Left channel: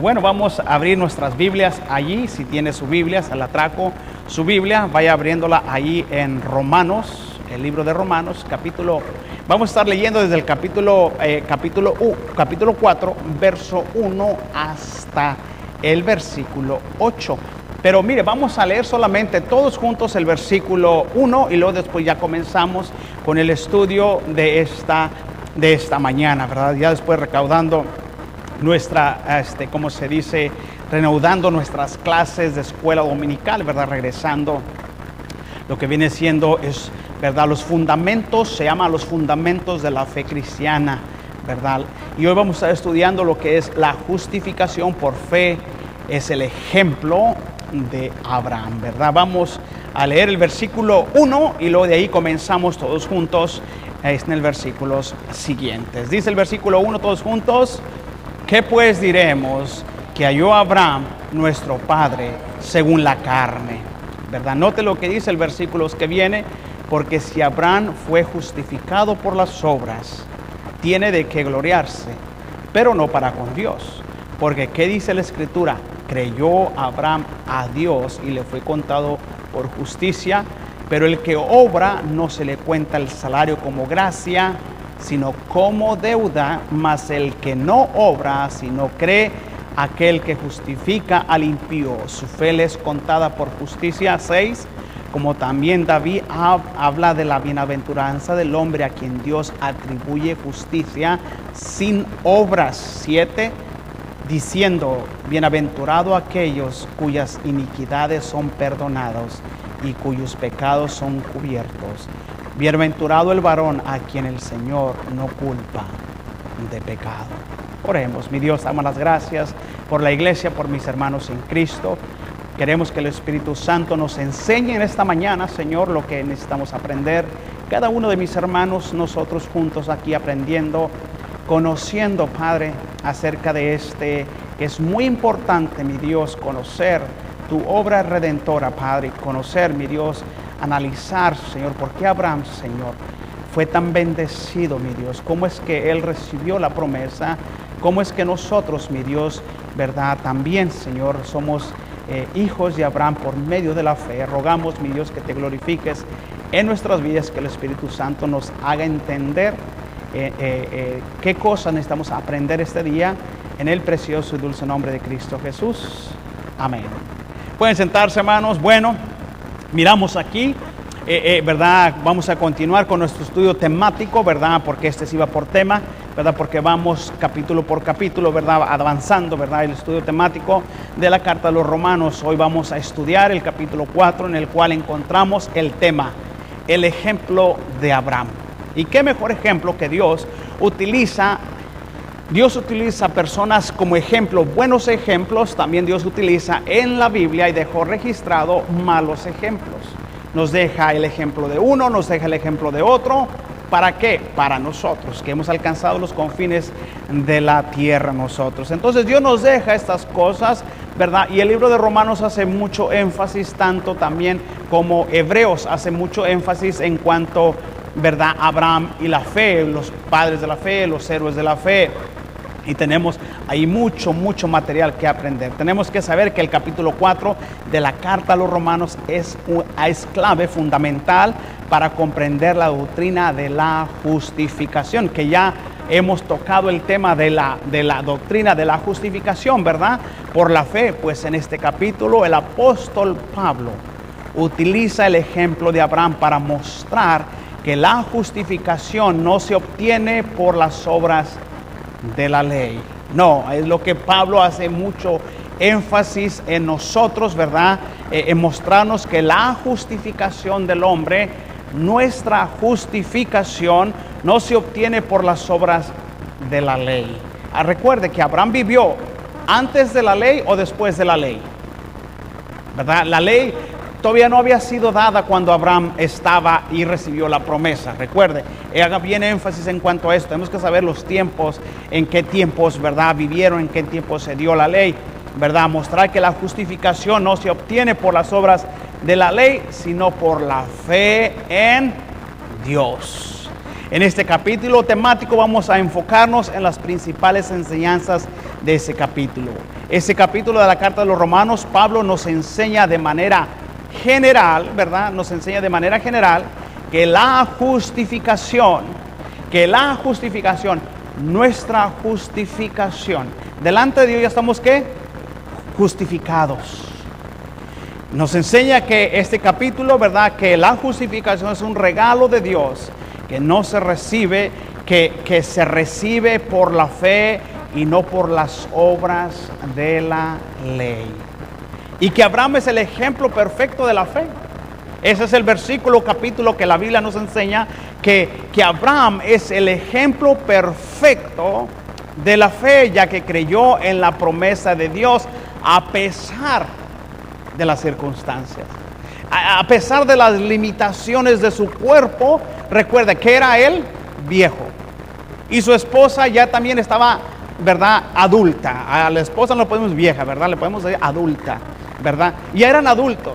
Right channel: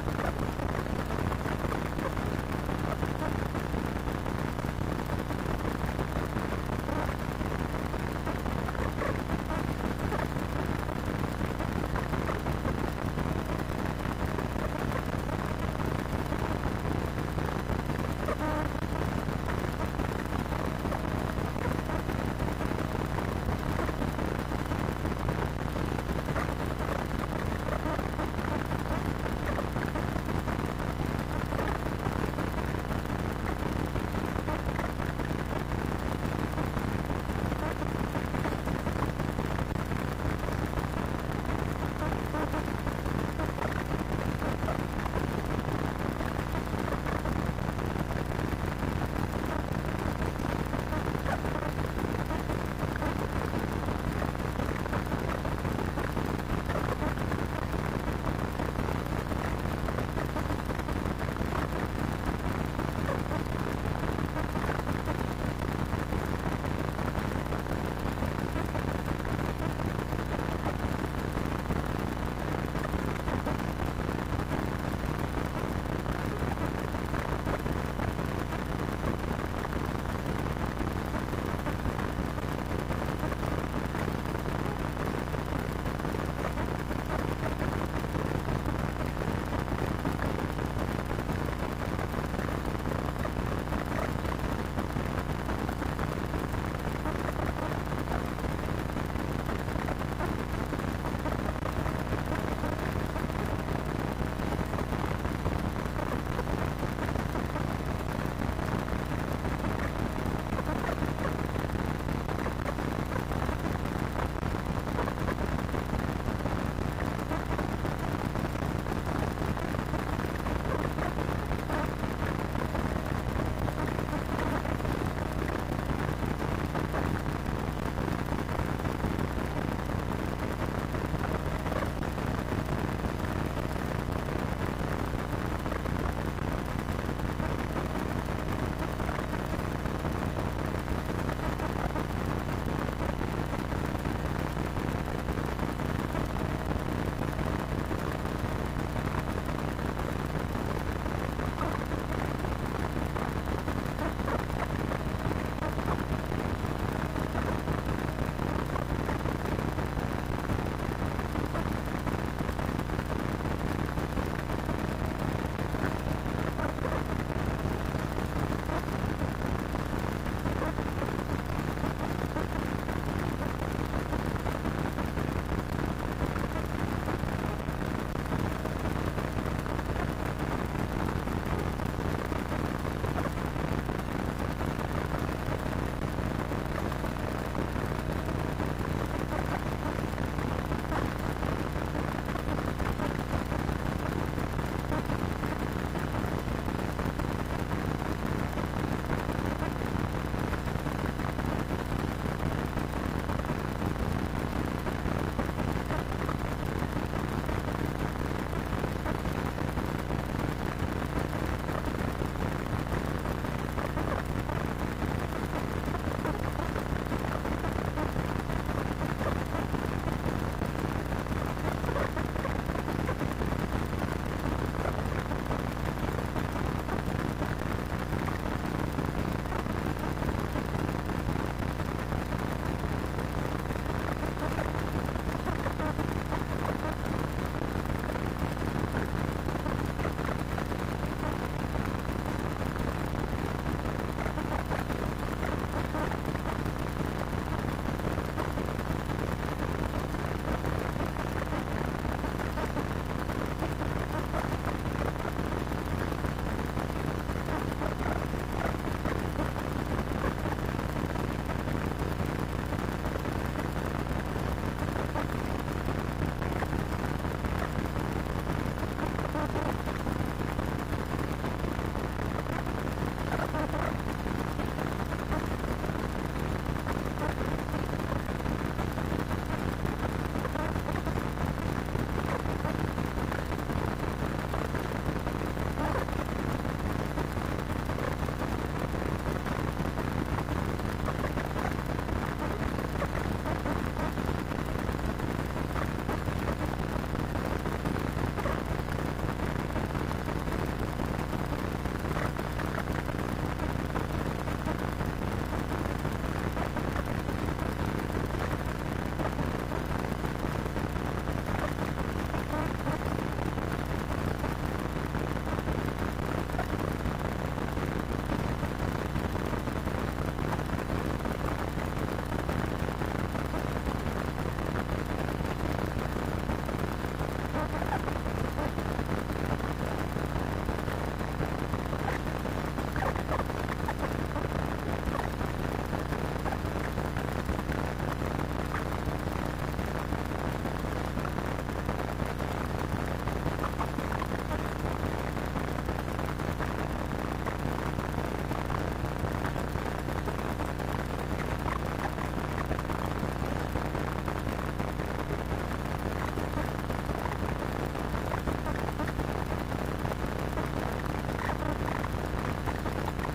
Bueno, vamos a abrir nuestras Biblias allí. Si tiene su Biblia, se la trajo su Biblia, vaya abriéndola allí en Romanos, el libro de Romanos, vamos a estar leyendo desde el capítulo 4, verso 1 hasta el versículo 8. Pero mire, vamos a leer solamente todos juntos el versículo 1 y luego después ya comenzamos con el estudio de esta mañana, ¿verdad? Ya después recaudando nuestra, ¿cómo se dice? Reanudando nuestras clases de escuela dominical, ¿verdad? Regresando lo que viene siendo es, ¿verdad? Los fundamentos, se llaman los fundamentos de la fe cristiana, ¿verdad? Y hoy vamos a estar estudiando lo que es la justificación por fe, es el ejemplo de Abraham, ¿verdad? Vamos a leer el versículo 1 y luego de ahí comenzamos todos juntos en el versículos siguientes. Dice el versículo 1 todos juntos: ¿qué pues diremos que halló Abraham nuestro padre según la carne? ¿Verdad? Note lo que dice el versículo que viene: porque si Abraham fue justificado por las obras, tiene de qué gloriarse, pero no para con Dios. Porque ¿qué dice la Escritura? Creyó Abraham a Dios y le fue contado por justicia, pero el que obra no se le cuenta el salario como gracia, sino como deuda, mas el que no obra, sino cree aquel que justifica al impío, su fe le es contada por justicia. 6. Como también David habla de la bienaventuranza del hombre a quien Dios atribuye justicia sin obras. 7. Diciendo: bienaventurado aquellos cuyas iniquidades son perdonados y cuyos pecados son cubiertos. Bienaventurado el varón a quien el Señor no culpa de pecado. Oremos. Mi Dios, damos las gracias por la iglesia, por mis hermanos en Cristo. Queremos que el Espíritu Santo nos enseñe en esta mañana, Señor, lo que necesitamos aprender. Cada uno de mis hermanos, nosotros juntos aquí aprendiendo, conociendo, Padre, acerca de es muy importante, mi Dios, conocer tu obra redentora, Padre, conocer, mi Dios, analizar, Señor, por qué Abraham, Señor, fue tan bendecido, mi Dios, cómo es que él recibió la promesa, cómo es que nosotros, mi Dios, verdad, también, Señor, somos hijos de Abraham por medio de la fe. Rogamos, mi Dios, que te glorifiques en nuestras vidas, que el Espíritu Santo nos haga entender qué cosas necesitamos aprender este día, en el precioso y dulce nombre de Cristo Jesús. Amén. Pueden sentarse, hermanos. Bueno, miramos aquí, ¿verdad? Vamos a continuar con nuestro estudio temático, ¿verdad? Porque este sí va por tema, ¿verdad? Porque vamos capítulo por capítulo, ¿verdad? Avanzando, ¿verdad? El estudio temático de la carta a los Romanos. Hoy vamos a estudiar el capítulo 4, en el cual encontramos el tema, el ejemplo de Abraham. Y qué mejor ejemplo que Dios utiliza personas como ejemplo, buenos ejemplos. También Dios utiliza en la Biblia y dejó registrado malos ejemplos. Nos deja el ejemplo de uno, nos deja el ejemplo de otro. ¿Para qué? Para nosotros, que hemos alcanzado los confines de la tierra nosotros. Entonces Dios nos deja estas cosas, ¿verdad? Y el libro de Romanos hace mucho énfasis, tanto también como Hebreos hace mucho énfasis en cuanto, ¿verdad? Abraham y la fe, los padres de la fe, los héroes de la fe. Y tenemos ahí mucho material que aprender. Tenemos que saber que el capítulo 4 de la carta a los Romanos es clave, fundamental para comprender la doctrina de la justificación, que ya hemos tocado el tema de la doctrina de la justificación, ¿verdad? Por la fe. Pues en este capítulo el apóstol Pablo utiliza el ejemplo de Abraham para mostrar que la justificación no se obtiene por las obras de la ley. No, es lo que Pablo hace mucho énfasis en nosotros, ¿verdad? En mostrarnos que la justificación del hombre, nuestra justificación, no se obtiene por las obras de la ley. Recuerde que Abraham vivió antes de la ley o después de la ley, ¿verdad? La ley todavía no había sido dada cuando Abraham estaba y recibió la promesa. Recuerde, haga bien énfasis en cuanto a esto. Tenemos que saber los tiempos, en qué tiempos, ¿verdad?, vivieron, en qué tiempos se dio la ley, ¿verdad? Mostrar que la justificación no se obtiene por las obras de la ley, sino por la fe en Dios. En este capítulo temático vamos a enfocarnos en las principales enseñanzas de ese capítulo. Ese capítulo de la carta de los Romanos, Pablo nos enseña de manera general, ¿verdad? Nos enseña de manera general que la justificación, nuestra justificación, delante de Dios ya estamos, ¿qué? Justificados. Nos enseña que este capítulo, ¿verdad? Que la justificación es un regalo de Dios, que no se recibe, que se recibe por la fe y no por las obras de la ley. Y que Abraham es el ejemplo perfecto de la fe. Ese es el versículo, capítulo que la Biblia nos enseña, que Abraham es el ejemplo perfecto de la fe, ya que creyó en la promesa de Dios a pesar de las circunstancias, a pesar de las limitaciones de su cuerpo. Recuerda que era él viejo y su esposa ya también estaba, ¿verdad?, adulta. A la esposa no le podemos vieja, ¿verdad? Le podemos decir adulta, ¿verdad? Ya eran adultos.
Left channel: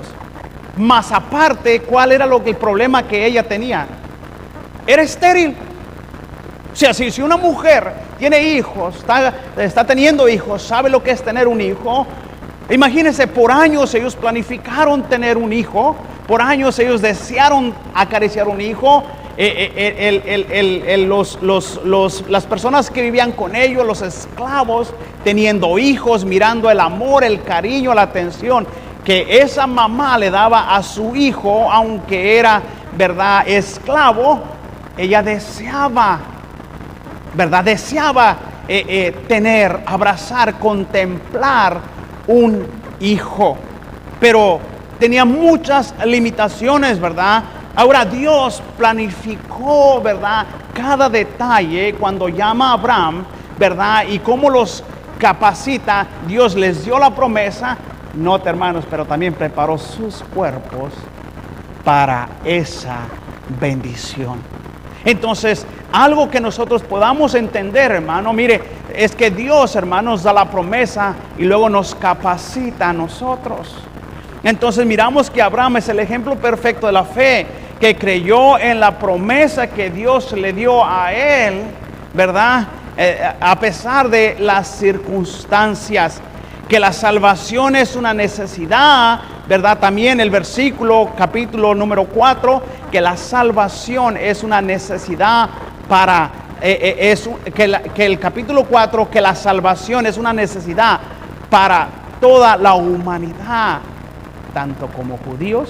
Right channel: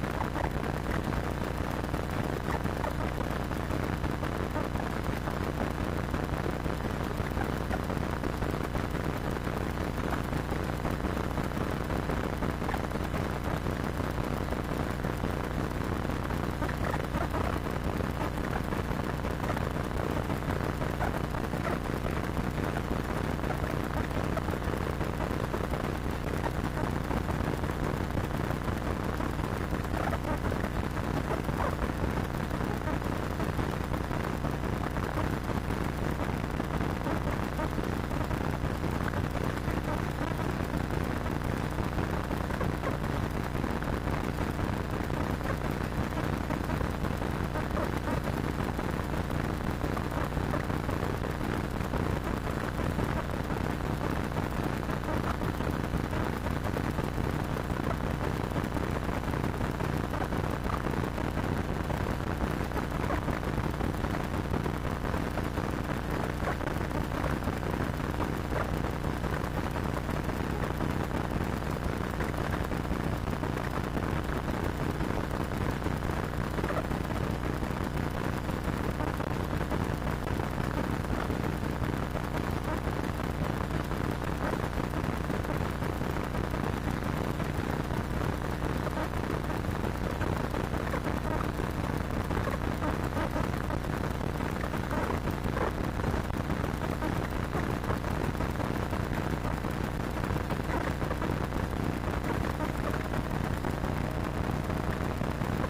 Más aparte, ¿cuál era el problema que ella tenía? Era estéril. O sea, si una mujer tiene hijos, está teniendo hijos, sabe lo que es tener un hijo. Imagínense, por años ellos planificaron tener un hijo, por años ellos desearon acariciar un hijo. Las personas que vivían con ellos, los esclavos, teniendo hijos, mirando el amor, el cariño, la atención que esa mamá le daba a su hijo, aunque era, ¿verdad?, esclavo. Ella deseaba, ¿verdad?, deseaba tener, abrazar, contemplar un hijo, pero tenía muchas limitaciones, ¿verdad? Ahora Dios planificó, ¿verdad?, cada detalle cuando llama a Abraham, ¿verdad? Y cómo los capacita. Dios les dio la promesa, nota, hermanos, pero también preparó sus cuerpos para esa bendición. Entonces, algo que nosotros podamos entender, hermano, mire, es que Dios, hermanos, da la promesa y luego nos capacita a nosotros. Entonces miramos que Abraham es el ejemplo perfecto de la fe, que creyó en la promesa que Dios le dio a él, ¿verdad? A pesar de las circunstancias, que la salvación es una necesidad, ¿verdad? También el versículo, capítulo número 4, que la salvación es una necesidad para, que el capítulo 4, que la salvación es una necesidad para toda la humanidad, tanto como judíos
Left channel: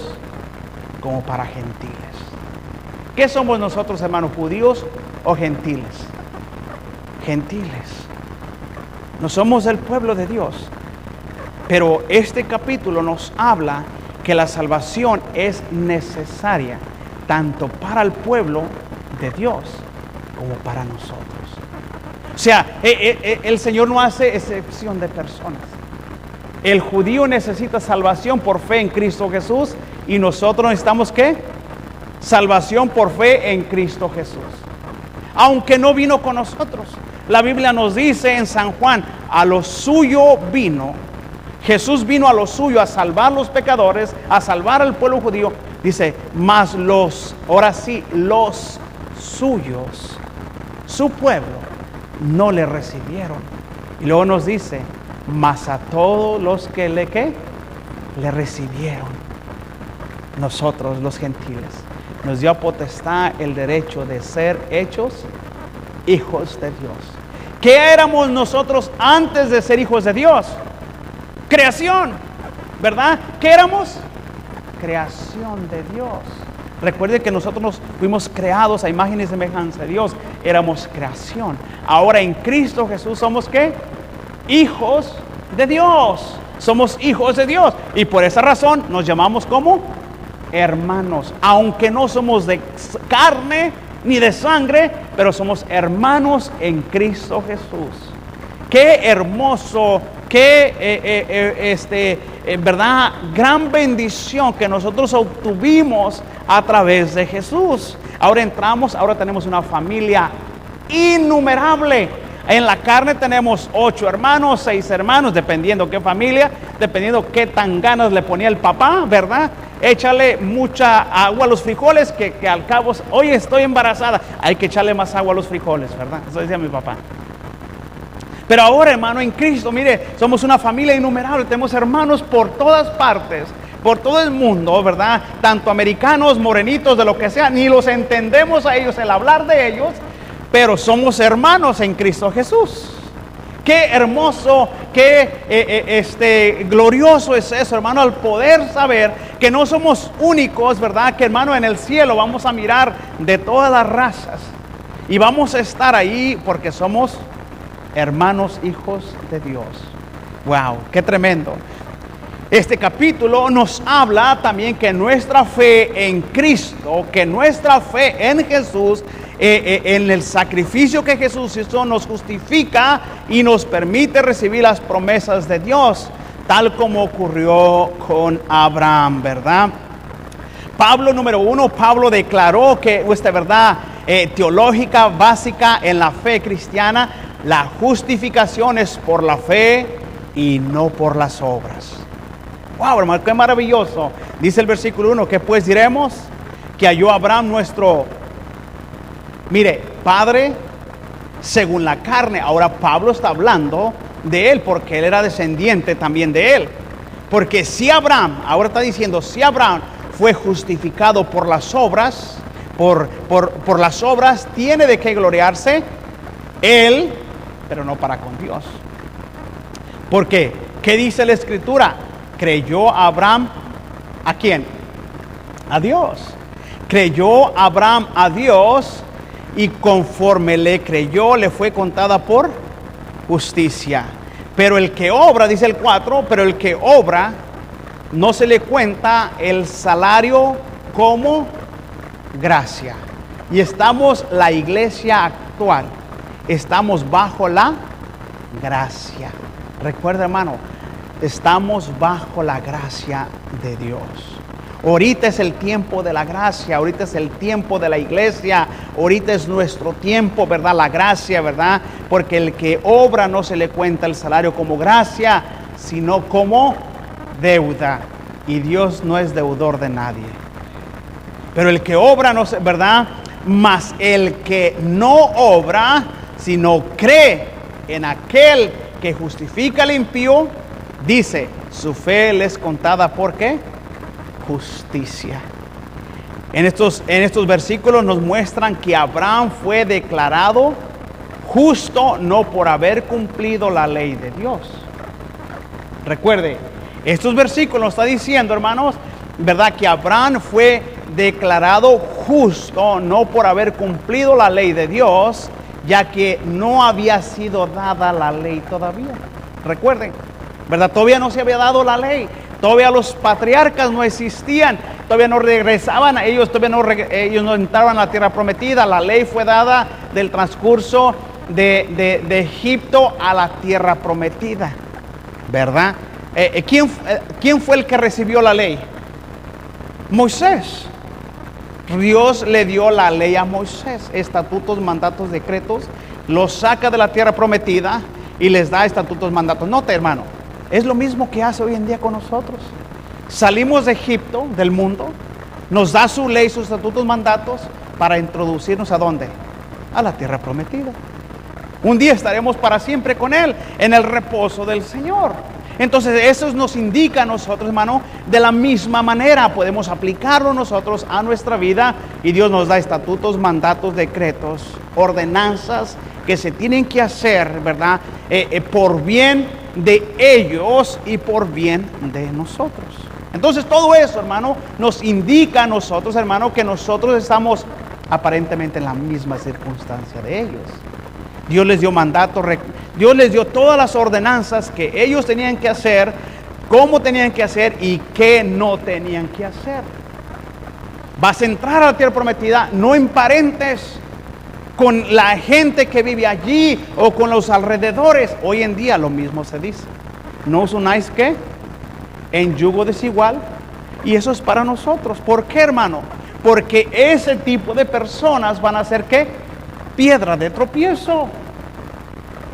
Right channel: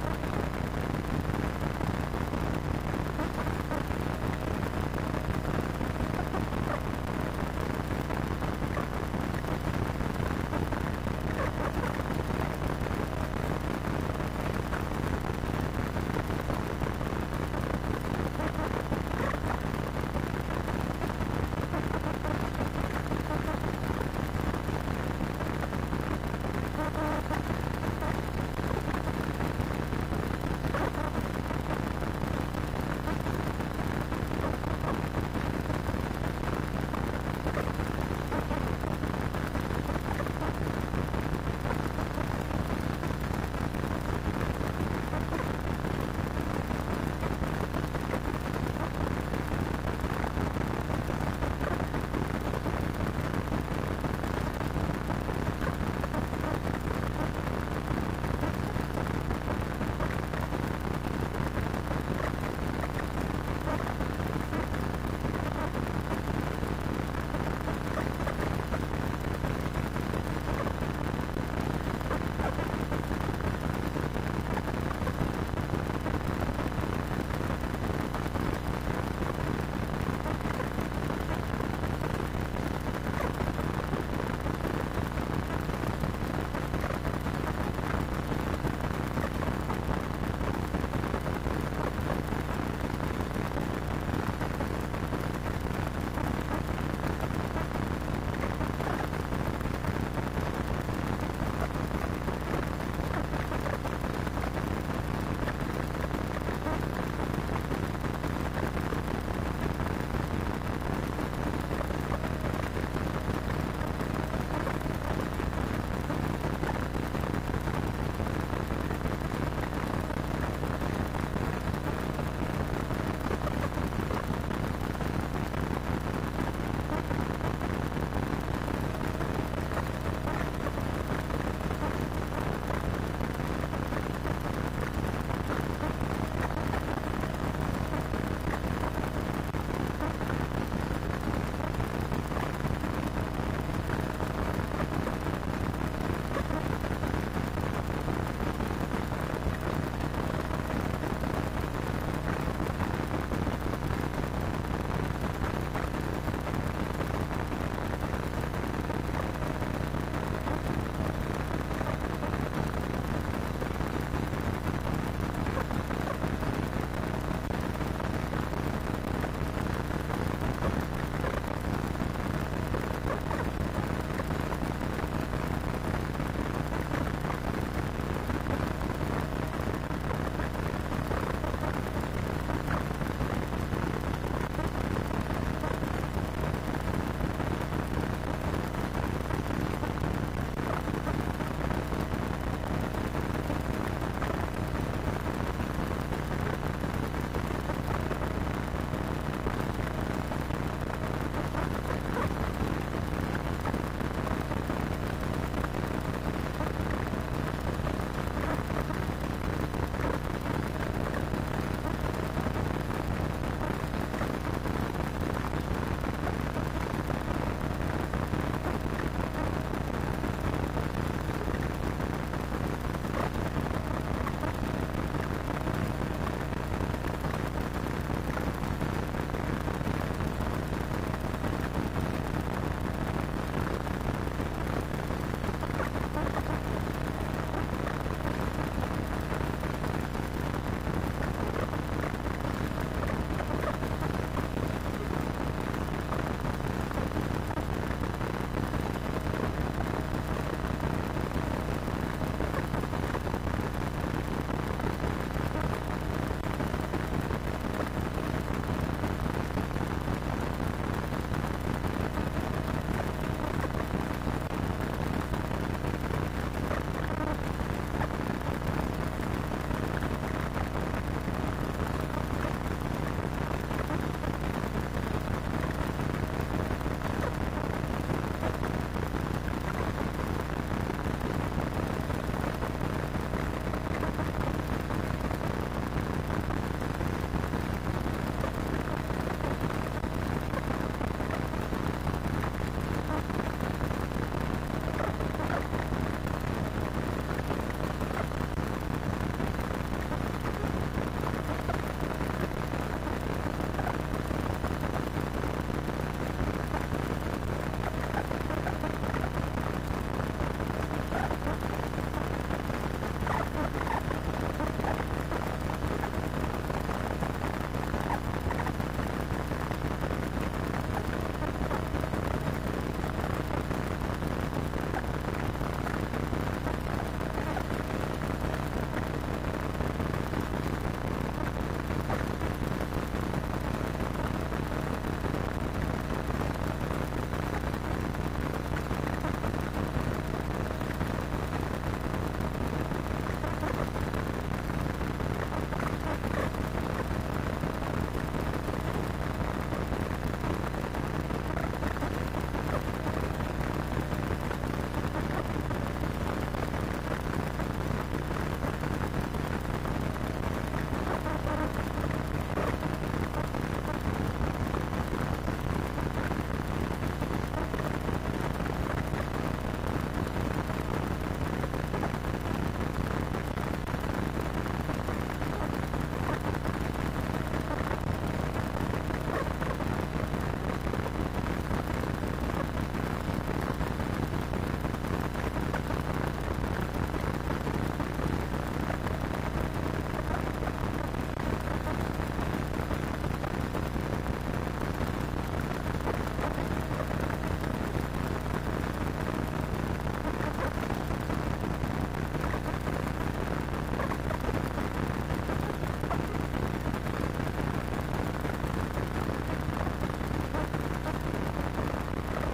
como para gentiles. ¿Qué somos nosotros, hermanos, judíos o gentiles? Gentiles. No somos el pueblo de Dios. Pero este capítulo nos habla que la salvación es necesaria tanto para el pueblo de Dios como para nosotros. O sea, el Señor no hace excepción de personas. El judío necesita salvación por fe en Cristo Jesús y nosotros necesitamos, ¿qué? Salvación por fe en Cristo Jesús. Aunque no vino con nosotros. La Biblia nos dice en San Juan, a lo suyo vino. Jesús vino a lo suyo, a salvar los pecadores, a salvar al pueblo judío. Dice, mas ahora sí, los suyos, su pueblo, no le recibieron. Y luego nos dice, mas a todos los que le recibieron, nosotros los gentiles, nos dio potestad el derecho de ser hechos hijos de Dios. ¿Qué éramos nosotros antes de ser hijos de Dios? Creación, ¿verdad? ¿Qué éramos? Creación de Dios. Recuerden que nosotros fuimos creados a imagen y semejanza de Dios. Éramos creación. Ahora en Cristo Jesús somos, ¿qué? Hijos de Dios. Somos hijos de Dios. Y por esa razón nos llamamos como hermanos. Aunque no somos de carne ni de sangre, pero somos hermanos en Cristo Jesús. Qué hermoso, qué verdad, gran bendición que nosotros obtuvimos a través de Jesús. Ahora tenemos una familia innumerable. En la carne tenemos 8 hermanos, 6 hermanos, dependiendo qué familia, dependiendo qué tan ganas le ponía el papá, ¿verdad? Échale mucha agua a los frijoles, que al cabo, oye, estoy embarazada, hay que echarle más agua a los frijoles, ¿verdad? Eso decía mi papá. Pero ahora, hermano, en Cristo, mire, somos una familia innumerable, tenemos hermanos por todas partes, por todo el mundo, ¿verdad? Tanto americanos, morenitos, de lo que sea, ni los entendemos a ellos, el hablar de ellos, pero somos hermanos en Cristo Jesús. Qué hermoso, qué glorioso es eso, hermano, al poder saber que no somos únicos, ¿verdad? Que, hermano, en el cielo vamos a mirar de todas las razas y vamos a estar ahí porque somos hermanos, hijos de Dios. Wow, qué tremendo. Este capítulo nos habla también que nuestra fe en Cristo, que nuestra fe en Jesús, en el sacrificio que Jesús hizo, nos justifica y nos permite recibir las promesas de Dios, tal como ocurrió con Abraham, ¿verdad? Pablo, número uno, Pablo declaró que esta verdad teológica básica en la fe cristiana: la justificación es por la fe y no por las obras. Wow, hermano, qué maravilloso. Dice el versículo 1, que pues diremos que halló Abraham nuestro, mire, padre según la carne. Ahora Pablo está hablando de él porque él era descendiente también de él. Porque si Abraham, ahora está diciendo, si Abraham fue justificado por las obras, por las obras, tiene de qué gloriarse él, pero no para con Dios. ¿Por qué? ¿Qué dice la Escritura? Creyó Abraham, ¿a quién? A Dios. Creyó Abraham a Dios y conforme le creyó, le fue contada por justicia. Pero el que obra, dice el 4, pero el que obra no se le cuenta el salario como gracia. Y estamos, la iglesia actual, estamos bajo la gracia. Recuerda, hermano, estamos bajo la gracia de Dios. Ahorita es el tiempo de la gracia, ahorita es el tiempo de la iglesia, ahorita es nuestro tiempo, ¿verdad? La gracia, ¿verdad? Porque el que obra no se le cuenta el salario como gracia, sino como deuda. Y Dios no es deudor de nadie. Pero el que obra, no se, ¿verdad? Mas el que no obra, sino cree en aquel que justifica al impío, dice, su fe le es contada, ¿por qué? Justicia. En estos versículos nos muestran que Abraham fue declarado justo no por haber cumplido la ley de Dios. Recuerde, estos versículos está diciendo, hermanos, ¿verdad? Que Abraham fue declarado justo no por haber cumplido la ley de Dios, ya que no había sido dada la ley todavía. Recuerden, ¿verdad? Todavía no se había dado la ley. Todavía los patriarcas no existían. Todavía no regresaban. Ellos no entraban a la tierra prometida. La ley fue dada del transcurso de Egipto a la tierra prometida, ¿verdad? ¿Quién fue el que recibió la ley? Moisés. Dios le dio la ley a Moisés, estatutos, mandatos, decretos, los saca de la tierra prometida y les da estatutos, mandatos. Note, hermano, es lo mismo que hace hoy en día con nosotros. Salimos de Egipto, del mundo, nos da su ley, sus estatutos, mandatos, para introducirnos ¿a dónde? A la tierra prometida. Un día estaremos para siempre con Él, en el reposo del Señor. Entonces eso nos indica a nosotros, hermano, de la misma manera podemos aplicarlo nosotros a nuestra vida, y Dios nos da estatutos, mandatos, decretos, ordenanzas que se tienen que hacer, ¿verdad? Por bien de ellos y por bien de nosotros. Entonces todo eso, hermano, nos indica a nosotros, hermano, que nosotros estamos aparentemente en la misma circunstancia de ellos. Dios les dio mandatos, Dios les dio todas las ordenanzas que ellos tenían que hacer, cómo tenían que hacer y qué no tenían que hacer. Vas a entrar a la tierra prometida, no emparentes con la gente que vive allí o con los alrededores. Hoy en día lo mismo se dice. No os unáis ¿qué? En yugo desigual. Y eso es para nosotros. ¿Por qué, hermano? Porque ese tipo de personas van a ser ¿qué? Piedra de tropiezo.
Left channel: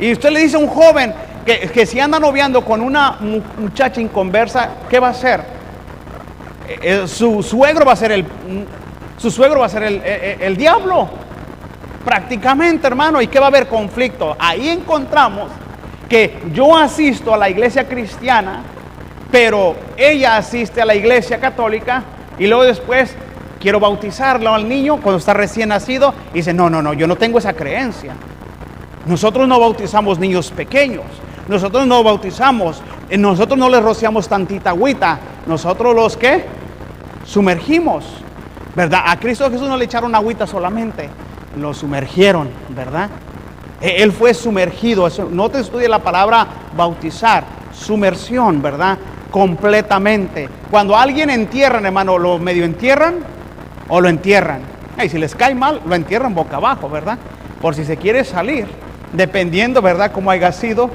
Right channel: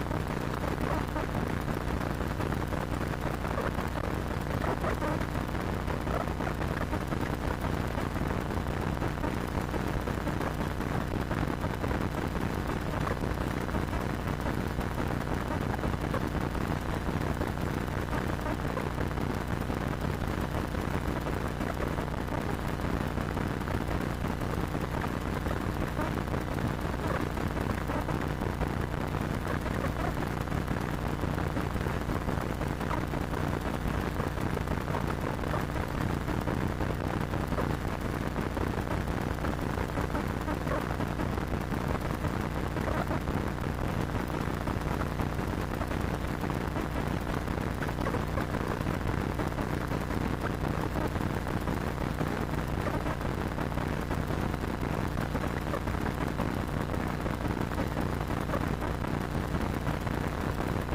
Y usted le dice a un joven que si anda noviando con una muchacha inconversa, ¿qué va a hacer? Su suegro va a ser el diablo, prácticamente, hermano. ¿Y qué va a haber? Conflicto. Ahí encontramos que yo asisto a la iglesia cristiana, pero ella asiste a la iglesia católica y luego después quiero bautizarlo al niño cuando está recién nacido y dice, no, yo no tengo esa creencia. Nosotros no bautizamos niños pequeños, nosotros no bautizamos, nosotros no les rociamos tantita agüita, nosotros los que sumergimos, ¿verdad? A Cristo Jesús no le echaron agüita solamente, lo sumergieron, ¿verdad? Él fue sumergido. Eso, no te estudie la palabra bautizar, sumersión, ¿verdad? Completamente. Cuando a alguien entierran, hermano, lo medio entierran o lo entierran. Y si les cae mal, lo entierran boca abajo, ¿verdad? Por si se quiere salir, dependiendo, ¿verdad?, cómo haya sido.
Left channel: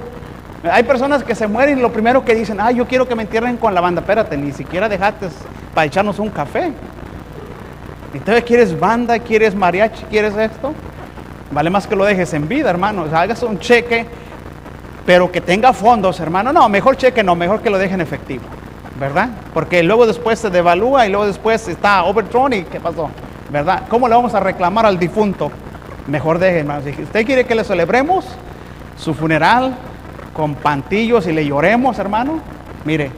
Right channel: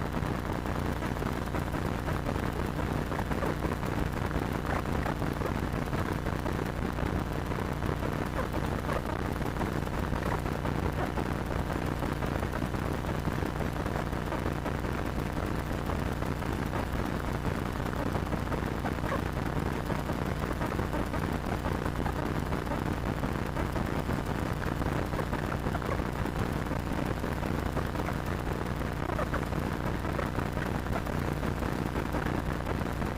Hay personas que se mueren y lo primero que dicen, yo quiero que me entierren con la banda. Espérate, ni siquiera dejaste para echarnos un café. Entonces, ¿quieres banda? ¿Quieres mariachi? ¿Quieres esto? Vale más que lo dejes en vida, hermano. O sea, hagas un cheque, pero que tenga fondos, hermano. No, mejor cheque no, mejor que lo dejen efectivo, ¿verdad? Porque luego después se devalúa y luego después está overthrown y ¿qué pasó? ¿Verdad? ¿Cómo le vamos a reclamar al difunto? Mejor deje, hermano. Si usted quiere que le celebremos su funeral con pantillos y le lloremos, hermano, mire,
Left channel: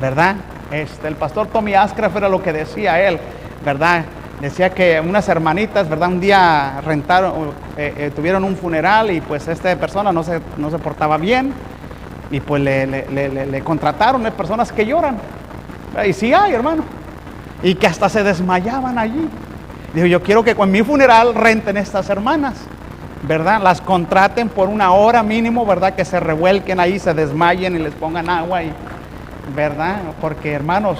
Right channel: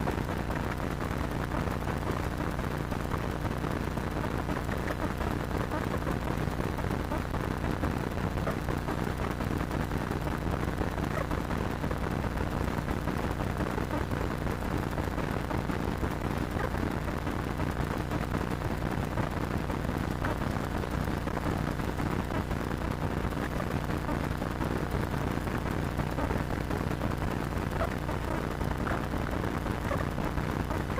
¿verdad? El pastor Tommy Ascraft era lo que decía él, ¿verdad? Decía que unas hermanitas, ¿verdad? Un día tuvieron un funeral y pues esta persona no se portaba bien y pues le contrataron personas que lloran. Y sí hay, hermano. Y que hasta se desmayaban allí. Dijo, yo quiero que con mi funeral renten estas hermanas, ¿verdad? Las contraten por una hora mínimo, ¿verdad? Que se revuelquen ahí, se desmayen y les pongan agua, ¿verdad? Porque, hermanos,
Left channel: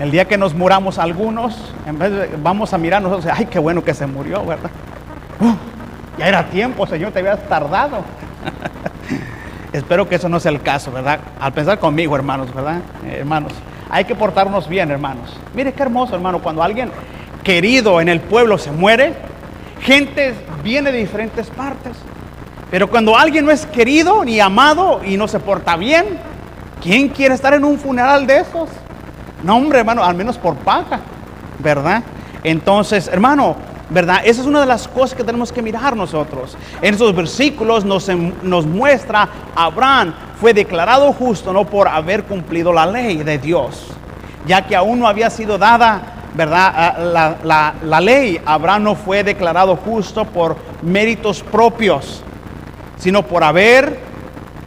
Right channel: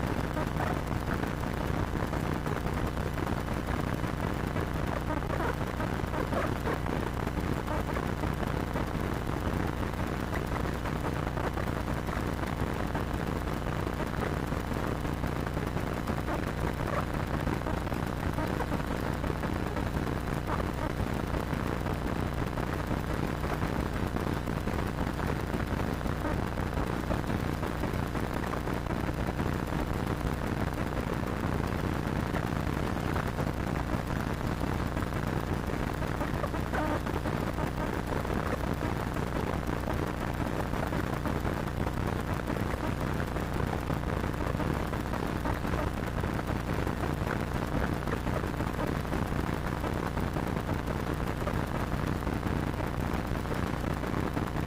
el día que nos muramos algunos, en vez de, vamos a mirar nosotros, ay, qué bueno que se murió, ¿verdad? Ya era tiempo, Señor, te habías tardado. Espero que eso no sea el caso, ¿verdad? Al pensar conmigo, hermanos, ¿verdad? Hermanos, hay que portarnos bien, hermanos. Mire qué hermoso, hermano, cuando alguien querido en el pueblo se muere, gente viene de diferentes partes. Pero cuando alguien no es querido ni amado y no se porta bien, ¿quién quiere estar en un funeral de esos? No, hombre, hermano, al menos por paga, ¿verdad? Entonces, hermano, ¿verdad? Esa es una de las cosas que tenemos que mirar nosotros. En esos versículos nos muestra Abraham fue declarado justo no por haber cumplido la ley de Dios, ya que aún no había sido dada, ¿verdad? La ley. Abraham no fue declarado justo por méritos propios, sino por haber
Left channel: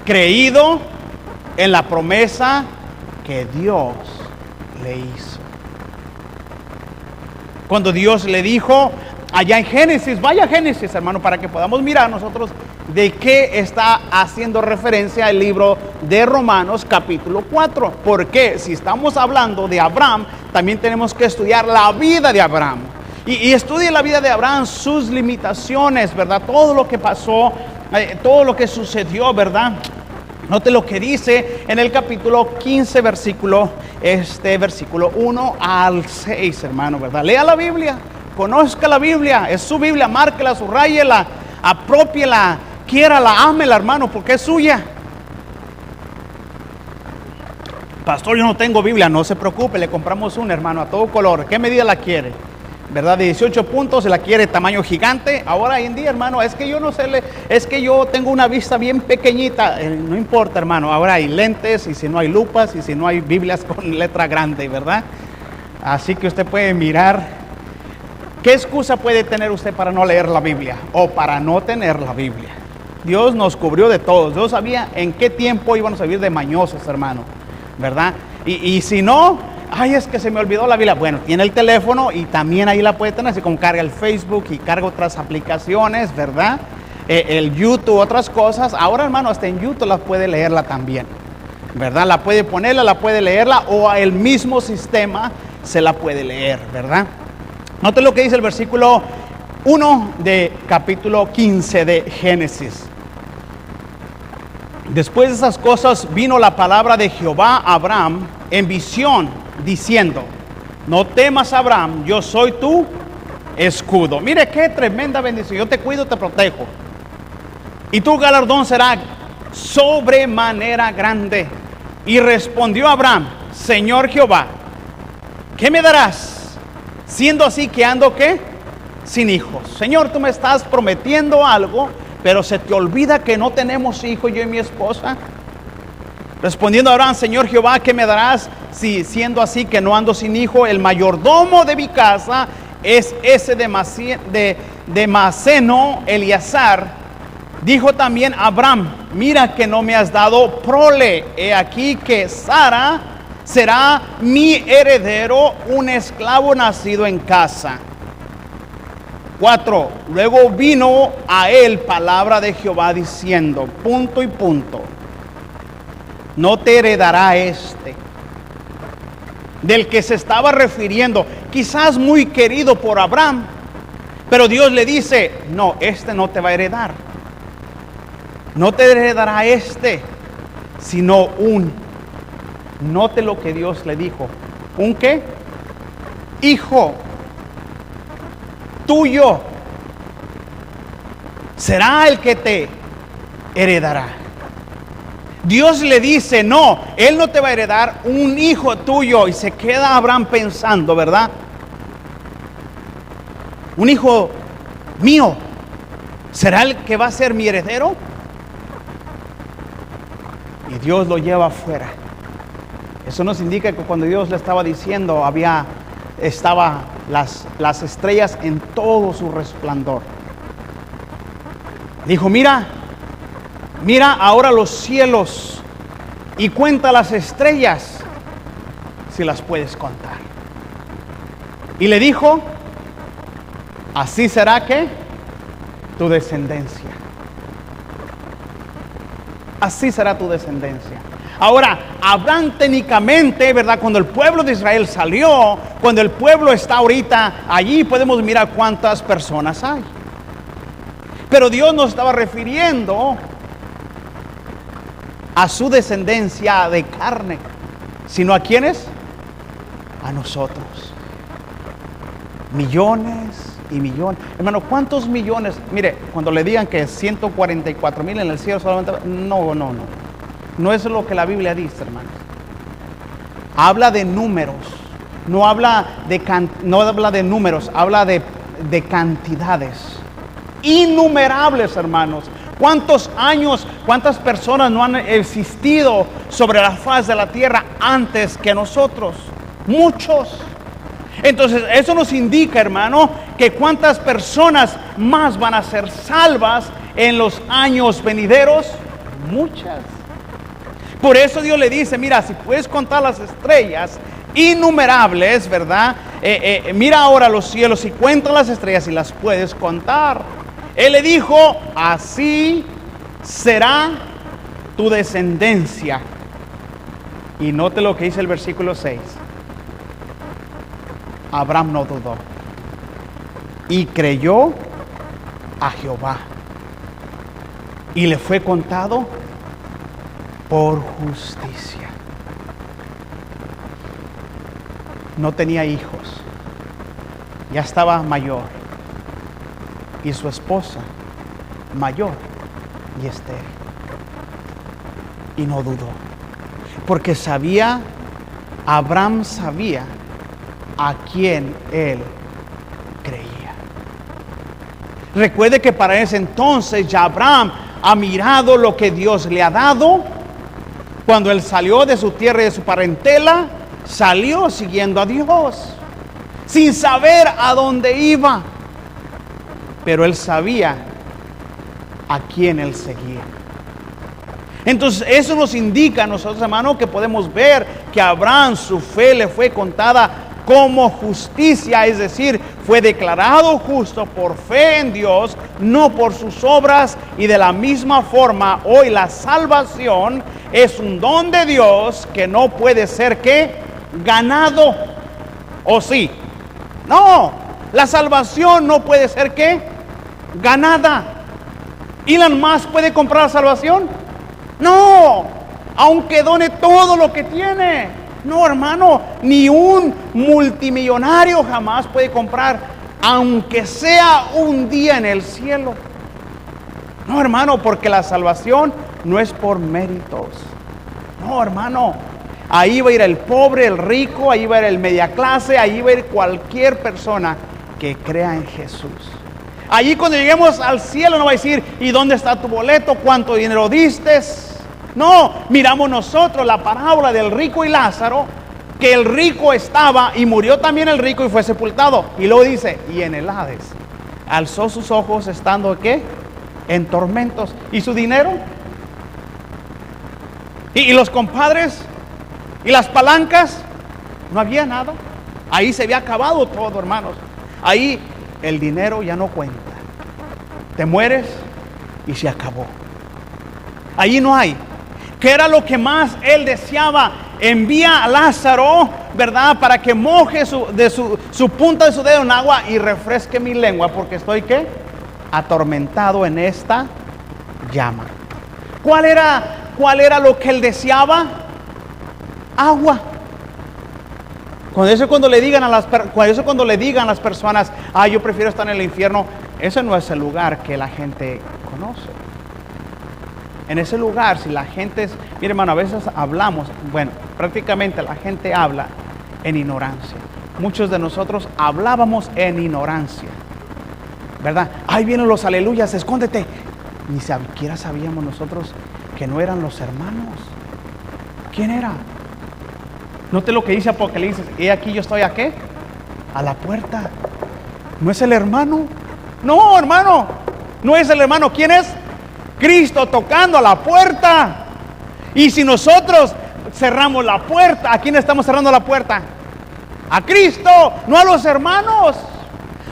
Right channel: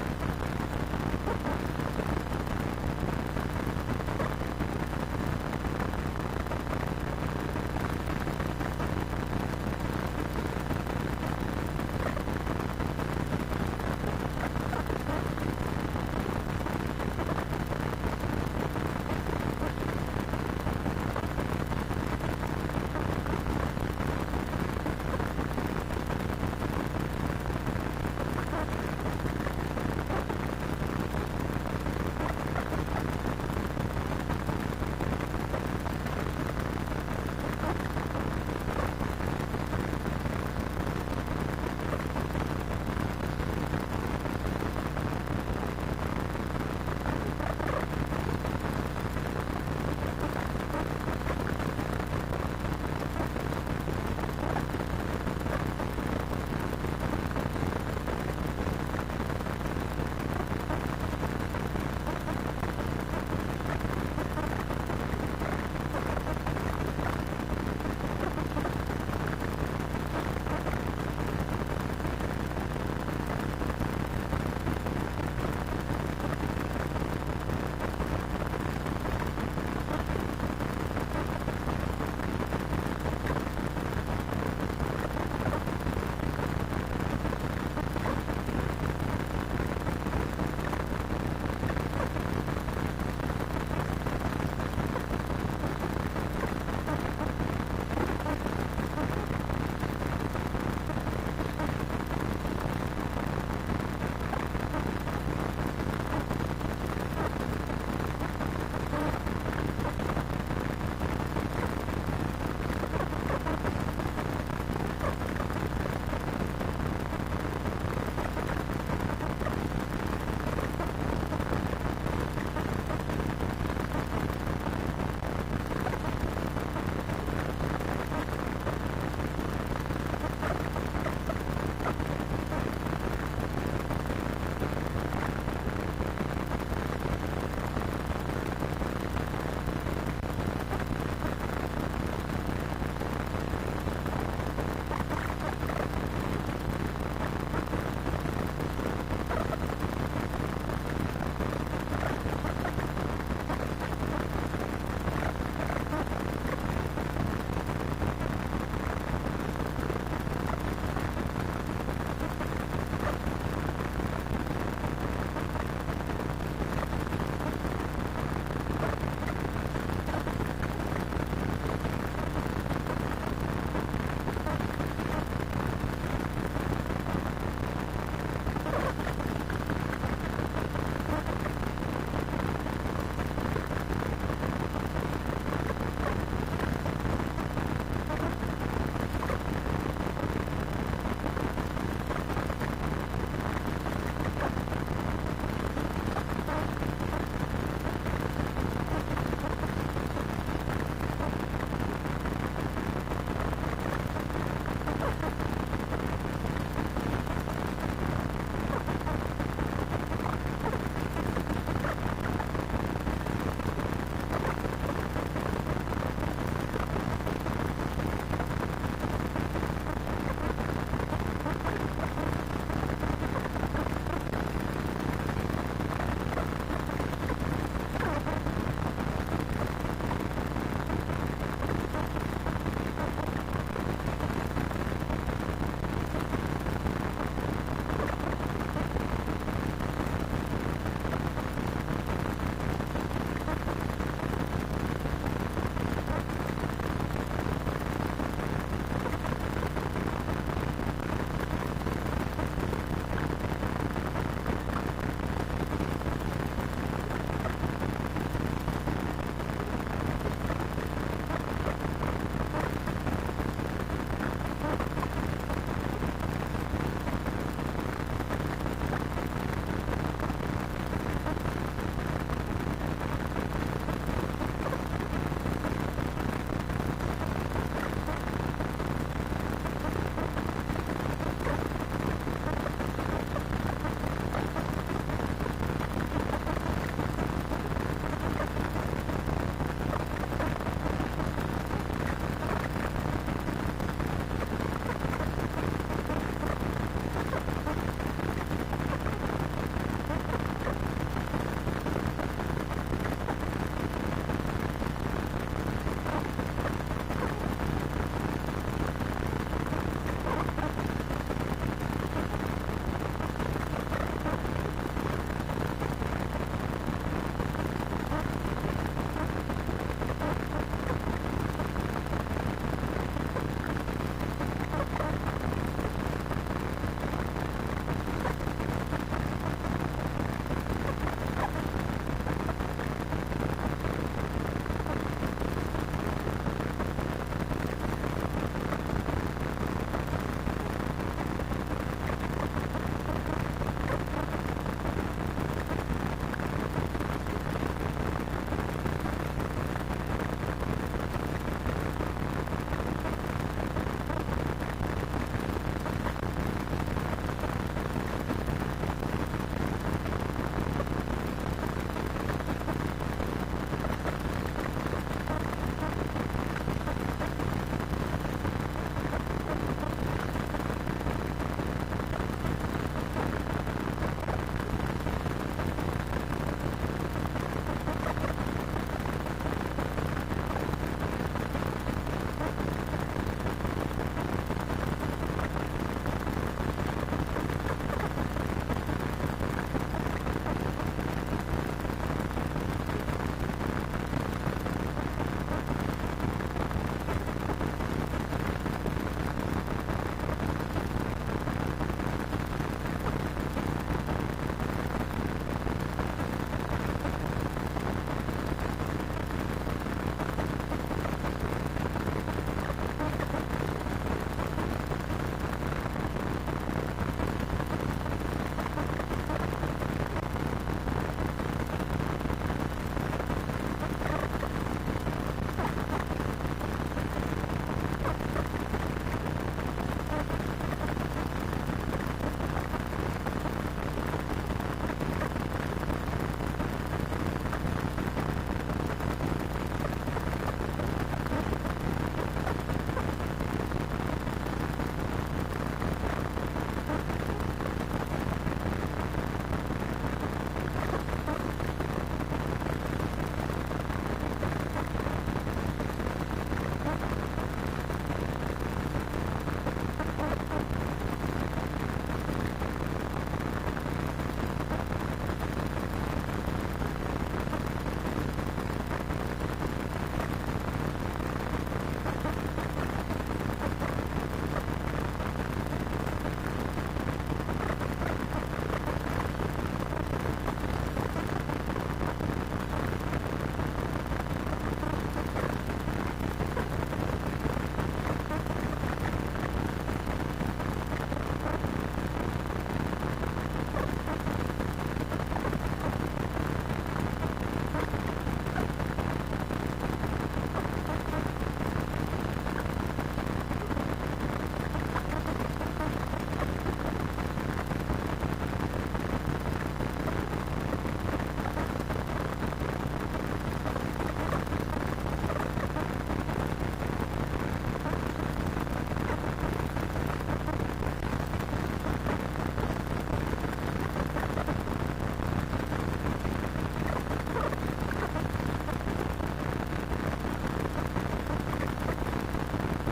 creído en la promesa que Dios le hizo. Cuando Dios le dijo allá en Génesis, vaya Génesis, hermano, para que podamos mirar nosotros de qué está haciendo referencia el libro de Romanos capítulo 4. Porque si estamos hablando de Abraham, también tenemos que estudiar la vida de Abraham. Y estudie la vida de Abraham, sus limitaciones, ¿verdad? Todo lo que pasó, todo lo que sucedió, ¿verdad? Note lo que dice en el capítulo 15, versículo 1 al 6, hermano, ¿verdad? Lea la Biblia, conozca la Biblia, es su Biblia, márquela, subrayela, apropiela, quiérala, ámela, hermano, porque es suya. Pastor, yo no tengo Biblia, no se preocupe, le compramos una, hermano, a todo color. ¿Qué medida la quiere? ¿Verdad? De 18 puntos, se la quiere tamaño gigante. Ahora hoy en día, hermano, es que yo no sé, es que yo tengo una vista bien pequeñita. No importa, hermano, ahora hay lentes y si no hay lupas y si no hay Biblias con letra grande, ¿verdad? Así que usted puede mirar. ¿Qué excusa puede tener usted para no leer la Biblia o para no tener la Biblia? Dios nos cubrió de todos. Dios sabía en qué tiempo íbamos a vivir de mañosos, hermano, ¿verdad? Y si no, ay, es que se me olvidó la Biblia. Bueno, tiene el teléfono y también ahí la puede tener, así como carga el Facebook y carga otras aplicaciones, ¿verdad? El YouTube, otras cosas. Ahora, hermano, hasta en YouTube la puede leerla también, ¿verdad? La puede ponerla, la puede leerla o el mismo sistema se la puede leer, ¿verdad? Note lo que dice el versículo 1 de capítulo 15 de Génesis. Después de esas cosas vino la palabra de Jehová a Abraham en visión, diciendo: no temas, Abraham, yo soy tu escudo. Mire qué tremenda bendición. Yo te cuido, te protejo. Y tu galardón será sobremanera grande. Y respondió Abraham: Señor Jehová, ¿qué me darás? Siendo así que ando, ¿qué? Sin hijos. Señor, tú me estás prometiendo algo pero se te olvida que no tenemos hijo, yo y mi esposa. Respondiendo Abraham: Señor Jehová, ¿qué me darás si siendo así que no ando sin hijo? El mayordomo de mi casa es ese de Maceno, Eleazar. Dijo también Abraham: mira que no me has dado prole. He aquí que Sara será mi heredero, un esclavo nacido en casa. 4. Luego vino a él palabra de Jehová diciendo, punto y punto, no te heredará este. Del que se estaba refiriendo, quizás muy querido por Abraham, pero Dios le dice: no, este no te va a heredar. No te heredará este, sino note lo que Dios le dijo, ¿un qué? Hijo tuyo será el que te heredará. Dios le dice: no, él no te va a heredar, un hijo tuyo. Y se queda Abraham pensando, ¿verdad? Un hijo mío, ¿será el que va a ser mi heredero? Y Dios lo lleva afuera. Eso nos indica que cuando Dios le estaba diciendo, estaba las estrellas en todo su resplandor. Dijo: mira ahora los cielos y cuenta las estrellas, si las puedes contar. Y le dijo: así será que tu descendencia. Así será tu descendencia. Ahora, Abraham técnicamente, ¿verdad? Cuando el pueblo de Israel salió, cuando el pueblo está ahorita allí, podemos mirar cuántas personas hay. Pero Dios no estaba refiriendo a su descendencia de carne, sino a ¿quiénes? A nosotros. Millones y millones. Hermano, ¿cuántos millones? Mire, cuando le digan que 144,000 en el cielo solamente, no es lo que la Biblia dice, hermano. Habla de números, no habla de números, habla de cantidades innumerables, hermanos. ¿Cuántos años, cuántas personas no han existido sobre la faz de la tierra antes que nosotros? Muchos. Entonces, eso nos indica, hermano, que cuántas personas más van a ser salvas en los años venideros. Muchas. Por eso Dios le dice: mira, si puedes contar las estrellas innumerables, ¿verdad? Mira ahora los cielos y cuenta las estrellas y las puedes contar. Él le dijo: así será tu descendencia. Y note lo que dice el versículo 6. Abraham no dudó y creyó a Jehová, y le fue contado por justicia. No tenía hijos, ya estaba mayor, y su esposa mayor y estéril, y no dudó, porque Abraham sabía a quién él creía. Recuerde que para ese entonces ya Abraham ha mirado lo que Dios le ha dado. Cuando él salió de su tierra y de su parentela, salió siguiendo a Dios, sin saber a dónde iba, pero él sabía a quién él seguía. Entonces eso nos indica a nosotros, hermanos, que podemos ver que a Abraham su fe le fue contada como justicia, es decir, fue declarado justo por fe en Dios, no por sus obras. Y de la misma forma, hoy la salvación es un don de Dios que no puede ser ¿qué? Ganado. ¿O sí? No, la salvación no puede ser ¿qué? Ganada. ¿Elon Musk puede comprar la salvación? No, aunque done todo lo que tiene. No, hermano, ni un multimillonario jamás puede comprar, aunque sea un día en el cielo. No, hermano, porque la salvación no es por méritos. No, hermano, ahí va a ir el pobre, el rico, ahí va a ir el media clase, ahí va a ir cualquier persona que crea en Jesús. Allí cuando lleguemos al cielo no va a decir, ¿y dónde está tu boleto? ¿Cuánto dinero diste? No, miramos nosotros la parábola del rico y Lázaro, que el rico estaba y murió también el rico y fue sepultado. Y luego dice, y en el Hades alzó sus ojos estando ¿qué? En tormentos. ¿Y su dinero? ¿Y los compadres? ¿Y las palancas? No había nada. Ahí se había acabado todo, hermanos. Ahí el dinero ya no cuenta. Te mueres y se acabó. Allí no hay. ¿Qué era lo que más él deseaba? Envía a Lázaro, ¿verdad? Para que moje su punta de su dedo en agua y refresque mi lengua, porque estoy ¿qué? Atormentado en esta llama. ¿Cuál era lo que él deseaba? Agua. Cuando le digan a las personas, yo prefiero estar en el infierno, ese no es el lugar que la gente conoce. En ese lugar, si la gente, mire hermano, a veces hablamos, prácticamente la gente habla en ignorancia. Muchos de nosotros hablábamos en ignorancia, ¿verdad? Ahí vienen los aleluyas, escóndete. Ni siquiera sabíamos nosotros que no eran los hermanos. ¿Quién era? Note lo que dice Apocalipsis. Y aquí yo estoy ¿a qué? A la puerta. ¿No es el hermano? No, hermano. No es el hermano. ¿Quién es? Cristo tocando a la puerta. Y si nosotros cerramos la puerta, ¿a quién estamos cerrando la puerta? A Cristo, no a los hermanos.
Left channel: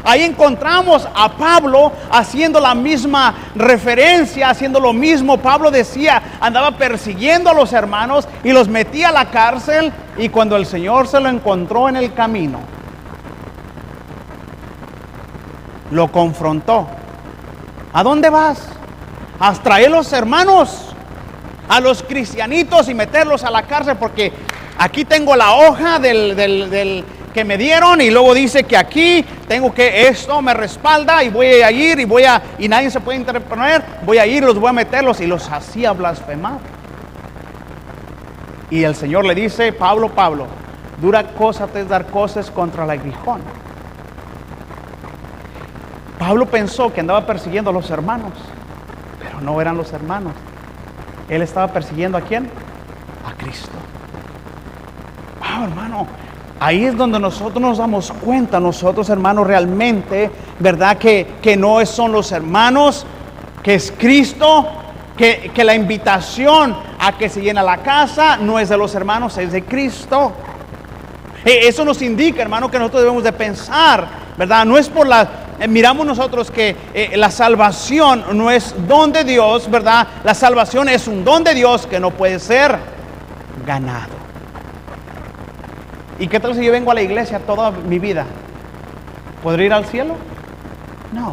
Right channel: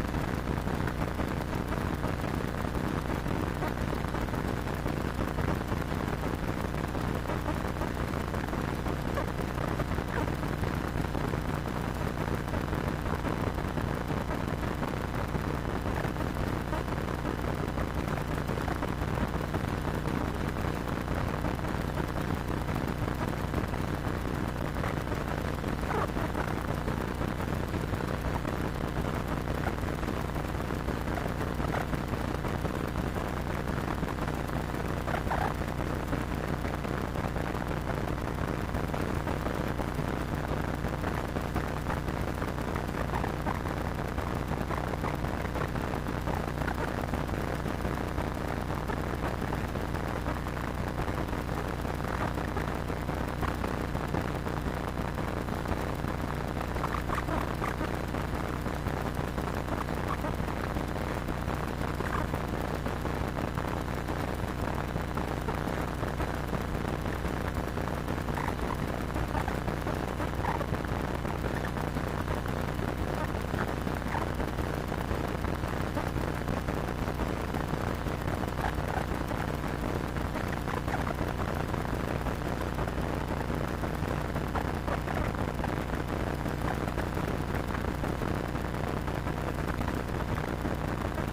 Ahí encontramos a Pablo haciendo la misma referencia, haciendo lo mismo. Pablo decía, andaba persiguiendo a los hermanos y los metía a la cárcel. Y cuando el Señor se lo encontró en el camino, lo confrontó. ¿A dónde vas? A traer los hermanos, a los cristianitos y meterlos a la cárcel, porque aquí tengo la hoja del que me dieron y luego dice que aquí tengo que esto me respalda y voy a ir y nadie se puede interponer, voy a ir, los voy a meterlos, y los hacía blasfemar. Y el Señor le dice, Pablo, dura cosa te es dar cosas contra el aguijón. Pablo pensó que andaba persiguiendo a los hermanos, pero no eran los hermanos. Él estaba persiguiendo ¿a quién? A Cristo. Hermano, ahí es donde nosotros nos damos cuenta, nosotros hermanos, realmente, ¿verdad? Que no son los hermanos, que es Cristo, que la invitación a que se llena la casa no es de los hermanos, es de Cristo. Eso nos indica, hermano, que nosotros debemos de pensar, ¿verdad? No es por miramos nosotros que la salvación no es don de Dios, ¿verdad? La salvación es un don de Dios que no puede ser ganado. ¿Y qué tal si yo vengo a la iglesia toda mi vida? ¿Podré ir al cielo? No.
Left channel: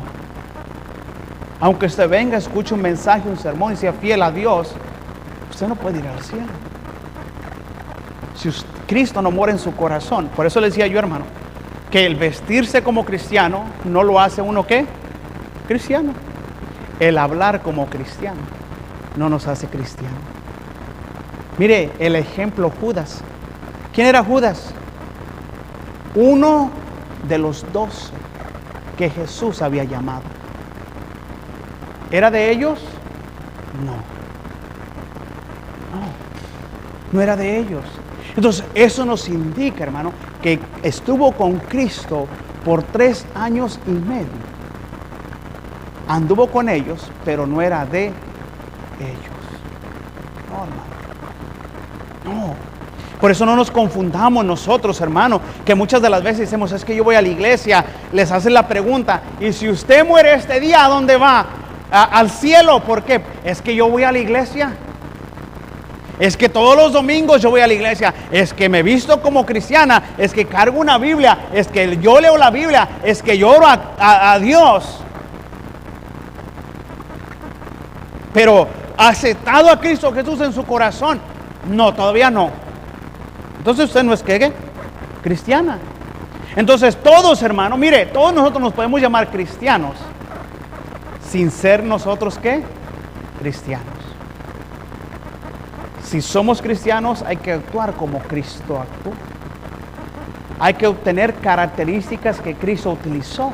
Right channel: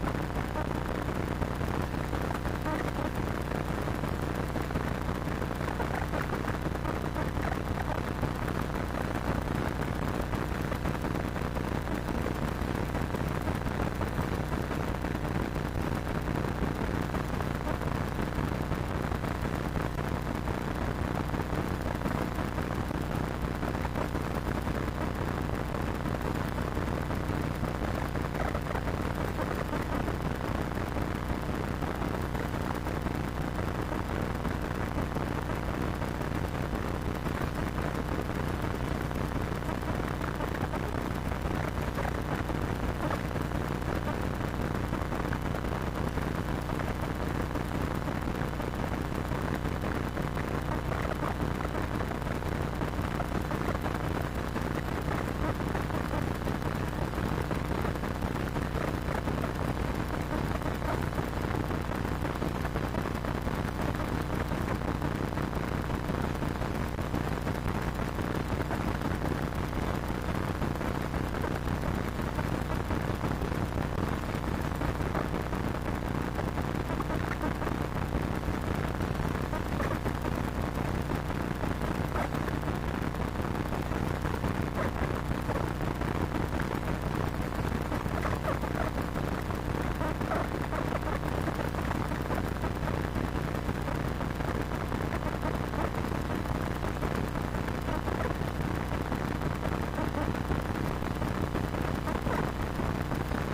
Aunque usted venga, escuche un mensaje, un sermón y sea fiel a Dios, usted no puede ir al cielo. Si Cristo no mora en su corazón. Por eso le decía yo, hermano, que el vestirse como cristiano no lo hace uno ¿qué? Cristiano. El hablar como cristiano no nos hace cristiano. Mire el ejemplo Judas. ¿Quién era Judas? Uno de los dos que Jesús había llamado. ¿Era de ellos? No era de ellos. Entonces eso nos indica, hermano, que estuvo con Cristo por 3 años y medio. Anduvo con ellos, pero no era de ellos. Por eso no nos confundamos nosotros, hermano, que muchas de las veces decimos, es que yo voy a la iglesia, les hacen la pregunta, y si usted muere este día, ¿a dónde va? Al cielo. ¿Por qué? Es que yo voy a la iglesia. Es que todos los domingos yo voy a la iglesia. Es que me visto como cristiana. Es que cargo una Biblia. Es que yo leo la Biblia. Es que yo oro a Dios. Pero ¿ha aceptado a Cristo Jesús en su corazón? No, todavía no. Entonces usted no es ¿qué? Cristiana. Entonces todos, hermano, mire, todos nosotros nos podemos llamar cristianos sin ser nosotros ¿qué? Cristianos. Si somos cristianos hay que actuar como Cristo actuó. Hay que obtener características que Cristo utilizó.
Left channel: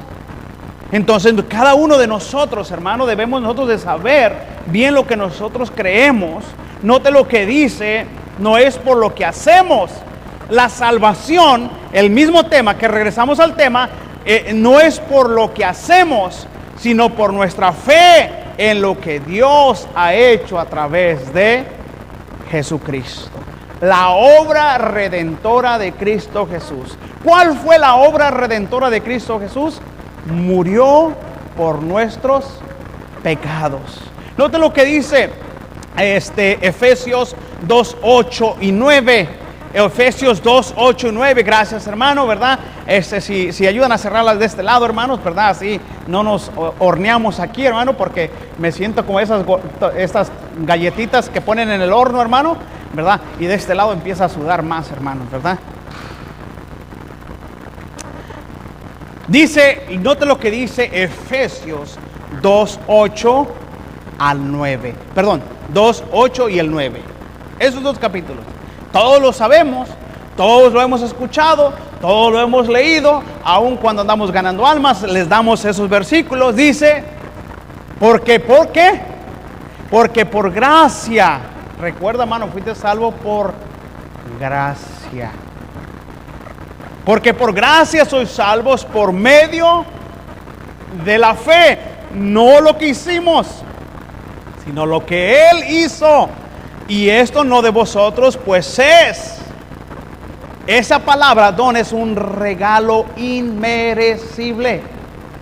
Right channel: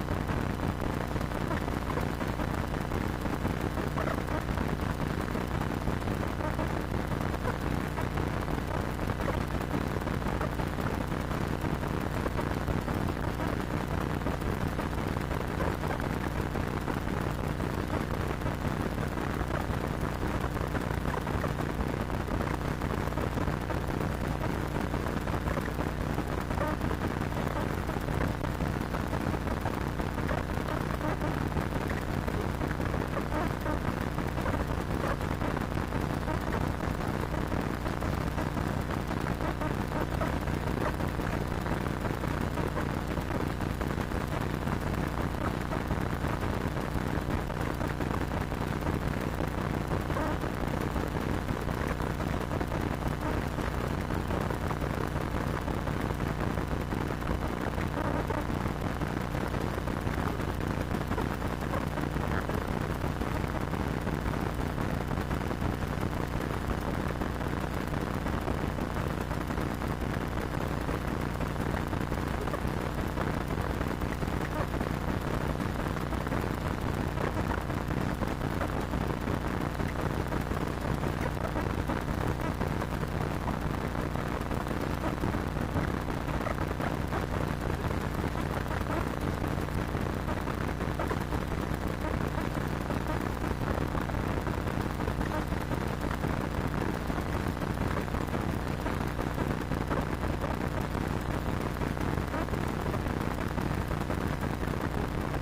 Entonces cada uno de nosotros, hermano, debemos nosotros de saber bien lo que nosotros creemos. Note lo que dice, no es por lo que hacemos. La salvación, el mismo tema, que regresamos al tema, no es por lo que hacemos, sino por nuestra fe en lo que Dios ha hecho a través de Jesucristo. La obra redentora de Cristo Jesús. ¿Cuál fue la obra redentora de Cristo Jesús? Murió por nuestros pecados. Note lo que dice Efesios 2, 8 y 9. Efesios 2, 8 y 9. Gracias, hermano, ¿verdad? Si ayudan a cerrarlas de este lado, hermanos, ¿verdad? Así no nos horneamos aquí, hermano, porque me siento como estas galletitas que ponen en el horno, hermano, ¿verdad? Y de este lado empieza a sudar más, hermano, ¿verdad? Dice, y note lo que dice Efesios 2, 8 al 9. Perdón, 2, 8 y el 9. Esos dos capítulos. Todos lo sabemos, todos lo hemos escuchado, todos lo hemos leído. Aun cuando andamos ganando almas, les damos esos versículos. Dice, ¿por qué? Porque por gracia. Recuerda, hermano, fuiste salvo por gracia. Porque por gracia sois salvos por medio de la fe. No lo que hicimos, sino lo que Él hizo. Y esto no de vosotros, pues es. Esa palabra don es un regalo inmerecible.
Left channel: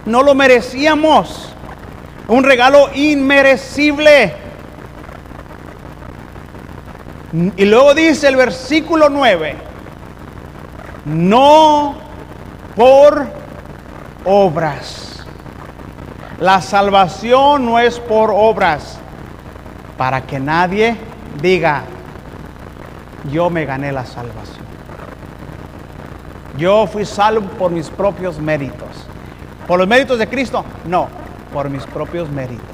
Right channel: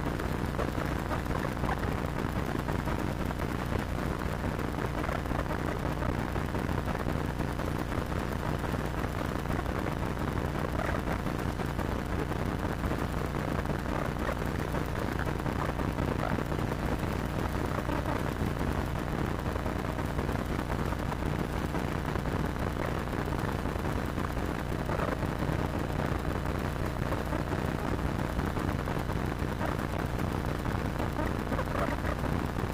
No lo merecíamos. Un regalo inmerecible. Y luego dice el versículo 9. No por obras. La salvación no es por obras, para que nadie diga, yo me gané la salvación. Yo fui salvo por mis propios méritos. ¿Por los méritos de Cristo? No, por mis propios méritos.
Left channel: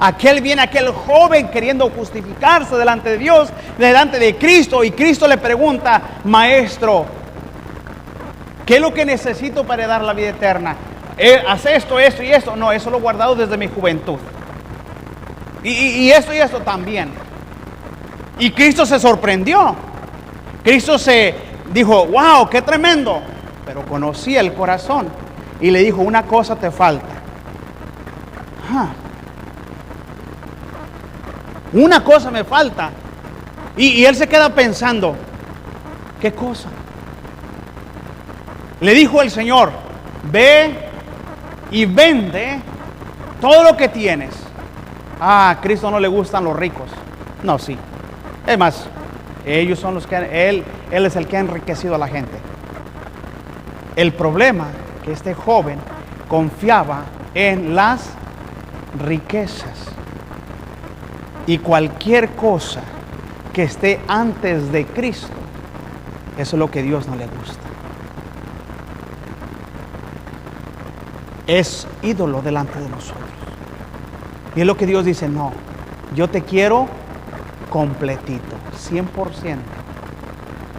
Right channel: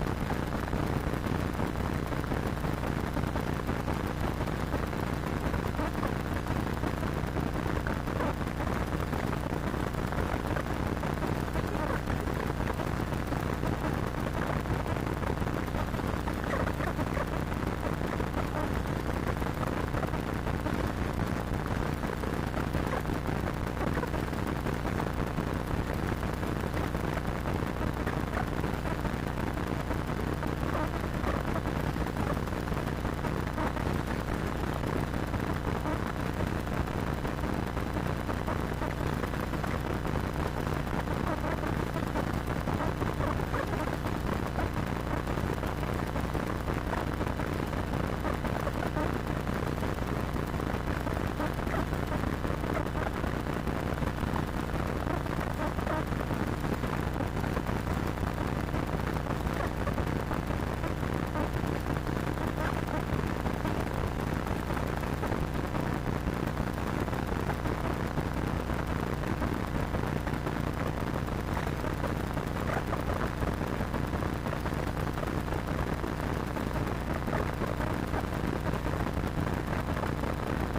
Aquel joven queriendo justificarse delante de Dios, delante de Cristo, y Cristo le pregunta, maestro, ¿qué es lo que necesito para dar la vida eterna? Haz esto, esto y esto. No, eso lo he guardado desde mi juventud. Y esto y esto también. Y Cristo se sorprendió. Cristo se dijo, wow, qué tremendo. Pero conocía el corazón. Y le dijo, una cosa te falta. Una cosa me falta. Y él se queda pensando, ¿qué cosa? Le dijo el Señor, ve y vende todo lo que tienes. A Cristo no le gustan los ricos. No, sí. Es más, ellos son los que Él es el que ha enriquecido a la gente. El problema es que este joven confiaba en las riquezas. Y cualquier cosa que esté antes de Cristo, eso es lo que Dios no le gusta. Es ídolo delante de nosotros. Y es lo que Dios dice, no, yo te quiero completito, 100%.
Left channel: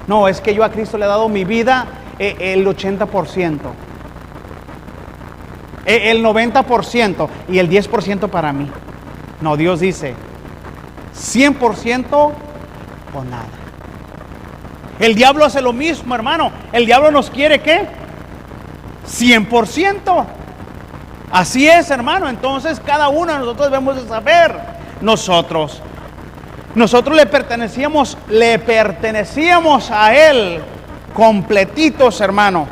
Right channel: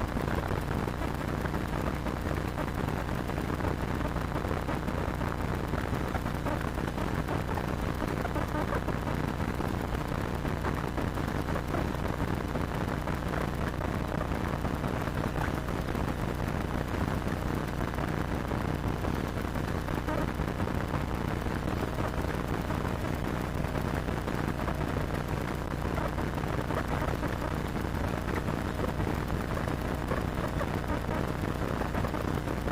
No, es que yo a Cristo le he dado mi vida el 80%, el 90% y el 10% para mí. No, Dios dice, 100% con nada. El diablo hace lo mismo, hermano. El diablo nos quiere, ¿qué? 100%. Así es, hermano. Entonces cada uno de nosotros debemos de saber. Nosotros le pertenecíamos a Él completitos, hermano.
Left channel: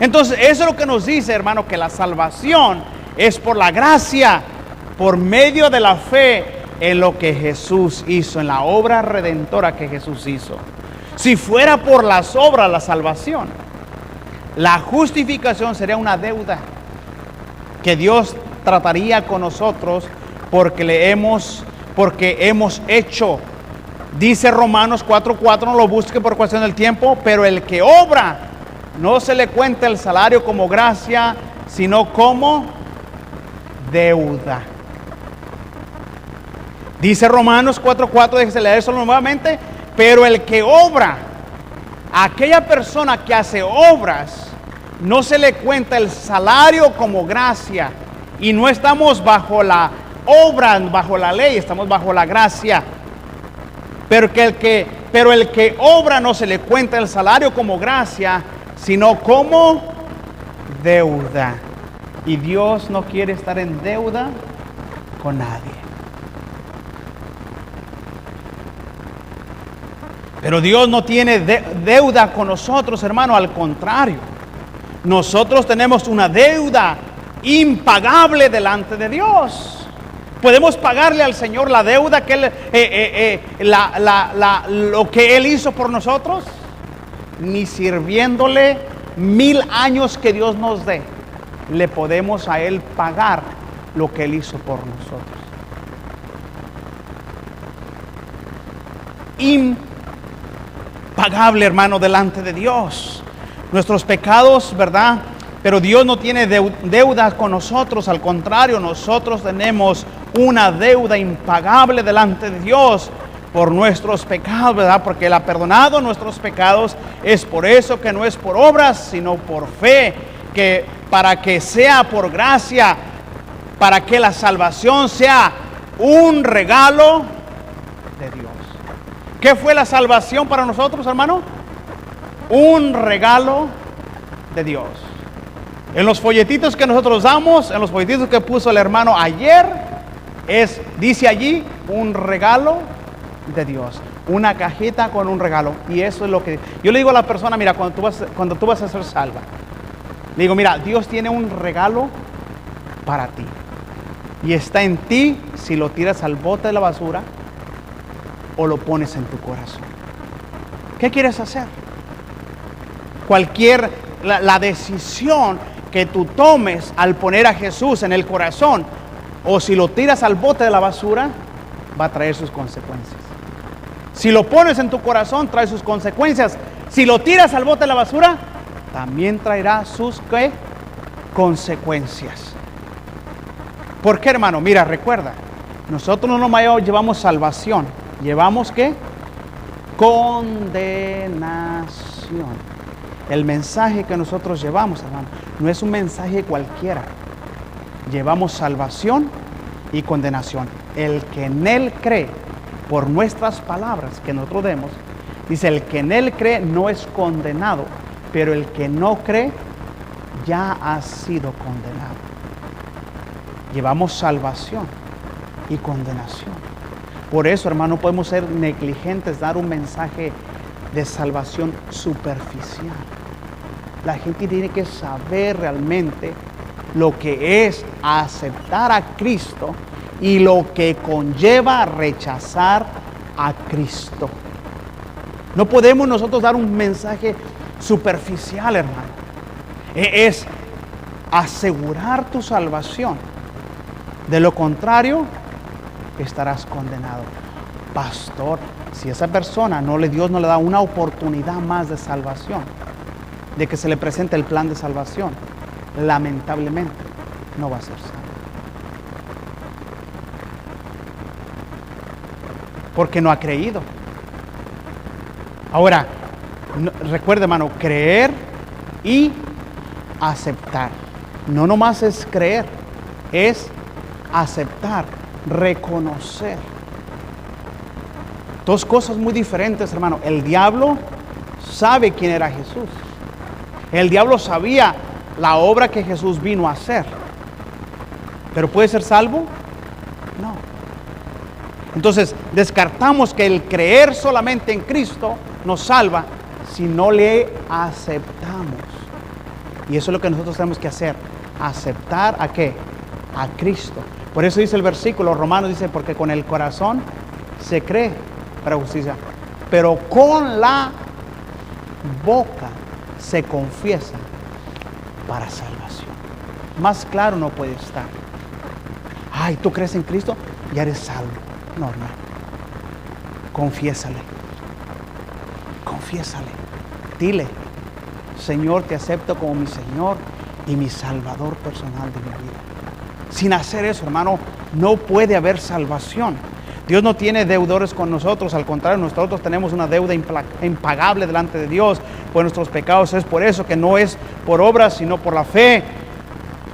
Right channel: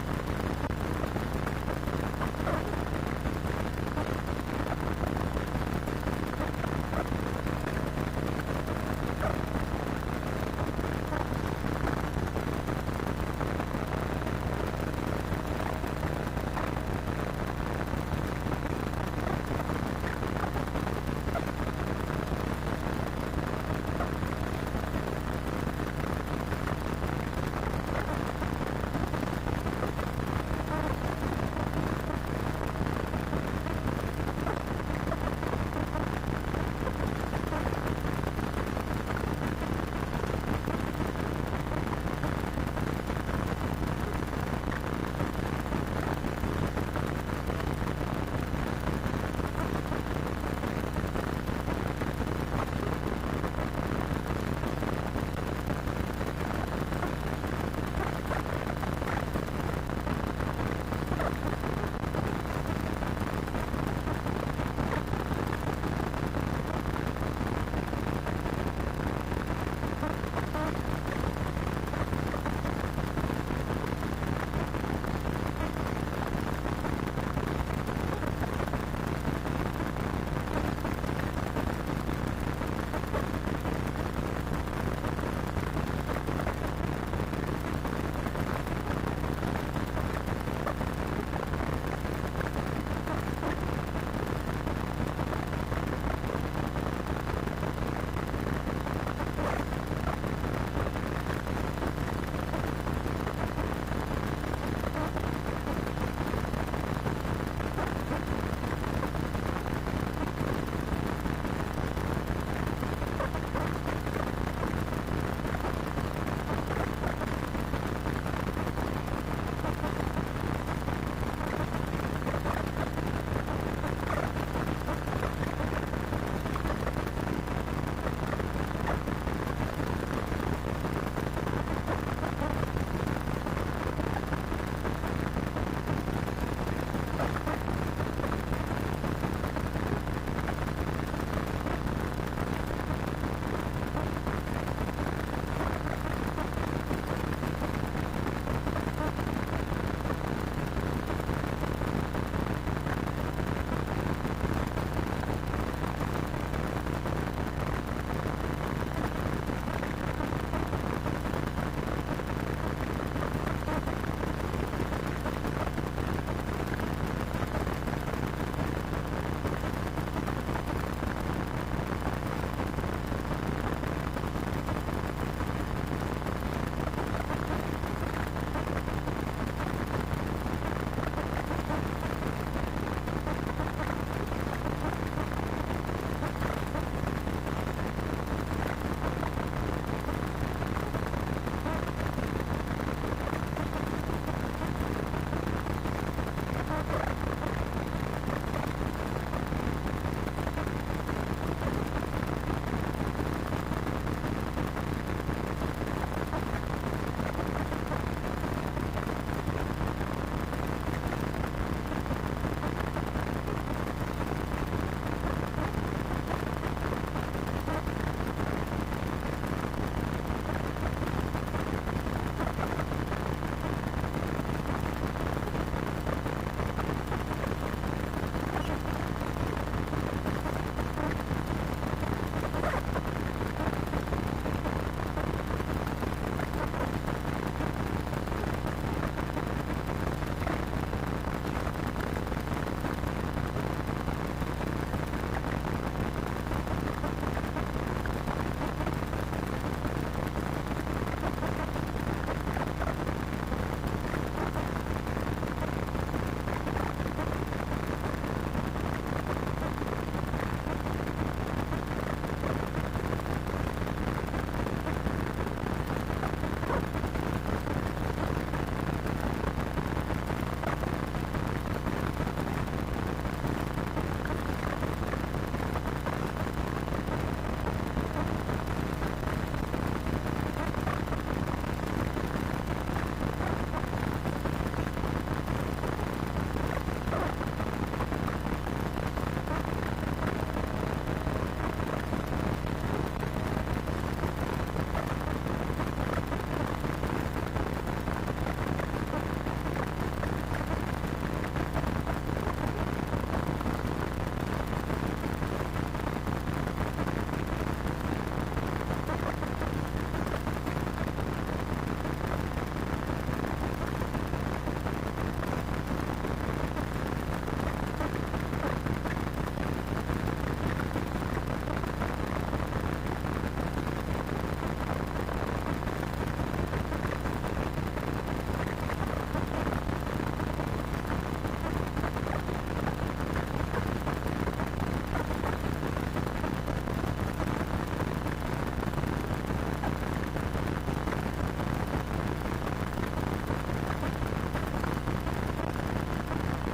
Entonces eso es lo que nos dice, hermano, que la salvación es por la gracia, por medio de la fe en lo que Jesús hizo, en la obra redentora que Jesús hizo. Si fuera por las obras la salvación, la justificación sería una deuda que Dios trataría con nosotros porque hemos hecho. Dice Romanos 4:4, no lo busque por cuestión del tiempo, pero el que obra, no se le cuenta el salario como gracia, sino como deuda. Dice Romanos 4:4, déjese leer eso nuevamente, pero el que obra, aquella persona que hace obras, no se le cuenta el salario como gracia. Y no estamos bajo la obra, bajo la ley, estamos bajo la gracia. Pero el que obra no se le cuenta el salario como gracia, sino como deuda. Y Dios no quiere estar en deuda con nadie. Pero Dios no tiene deuda con nosotros, hermano, al contrario. Nosotros tenemos una deuda impagable delante de Dios. Podemos pagarle al Señor la deuda que lo que Él hizo por nosotros, ni sirviéndole 1000 años que Dios nos dé, le podemos a Él pagar lo que Él hizo por nosotros. Impagable, hermano, delante de Dios. Nuestros pecados, ¿verdad? Pero Dios no tiene deuda con nosotros, al contrario, nosotros tenemos una deuda impagable delante de Dios por nuestros pecados, ¿verdad? Porque Él ha perdonado nuestros pecados. Es por eso que no es por obras, sino por fe, que para que sea por gracia, para que la salvación sea un regalo de Dios. ¿Qué fue la salvación para nosotros, hermano? Un regalo de Dios. En los folletitos que nosotros damos, en los folletitos que puso el hermano ayer, dice allí un regalo de Dios, una cajita con un regalo. Y eso es lo que yo le digo a la persona: mira, cuando tú vas a ser salva, le digo, mira, Dios tiene un regalo para ti y está en ti si lo tiras al bote de la basura o lo pones en tu corazón. ¿Qué quieres hacer? La decisión que tú tomes al poner a Jesús en el corazón, o si lo tiras al bote de la basura, va a traer sus consecuencias. Si lo pones en tu corazón, trae sus consecuencias. Si lo tiras al bote de la basura, también traerá sus consecuencias. ¿Por qué, hermano? Mira, recuerda, nosotros no nomás llevamos salvación, llevamos ¿qué? Condenación. El mensaje que nosotros llevamos, hermano, no es un mensaje cualquiera. Llevamos salvación y condenación. El que en Él cree, por nuestras palabras que nosotros demos, dice: el que en Él cree no es condenado, pero el que no cree ya ha sido condenado. Llevamos salvación y condenación. Por eso, hermano, no podemos ser negligentes, dar un mensaje de salvación superficial. La gente tiene que saber realmente lo que es aceptar a Cristo y lo que conlleva rechazar a Cristo. No podemos nosotros dar un mensaje superficial, hermano. Es asegurar tu salvación. De lo contrario, estarás condenado. Pastor, si esa persona Dios no le da una oportunidad más de salvación, de que se le presente el plan de salvación, lamentablemente no va a ser así. Porque no ha creído. Ahora, recuerda, hermano, creer y aceptar. No nomás es creer, es aceptar, reconocer. Dos cosas muy diferentes, hermano. El diablo sabe quién era Jesús. El diablo sabía la obra que Jesús vino a hacer. ¿Pero puede ser salvo? No. Entonces, descartamos que el creer solamente en Cristo nos salva si no le aceptamos. Y eso es lo que nosotros tenemos que hacer. ¿Aceptar a qué? A Cristo. Por eso dice el versículo, Romanos dice, porque con el corazón se cree para justicia, pero con la boca se confiesa para salvación. Más claro no puede estar. Ay, ¿tú crees en Cristo? Ya eres salvo. No, no. Confiésale. Confiésale. Dile: Señor, te acepto como mi Señor y mi Salvador personal de mi vida. Sin hacer eso, hermano, no puede haber salvación. Dios no tiene deudores con nosotros, al contrario, nosotros tenemos una deuda impagable delante de Dios por nuestros pecados. Es por eso que no es por obras, sino por la fe,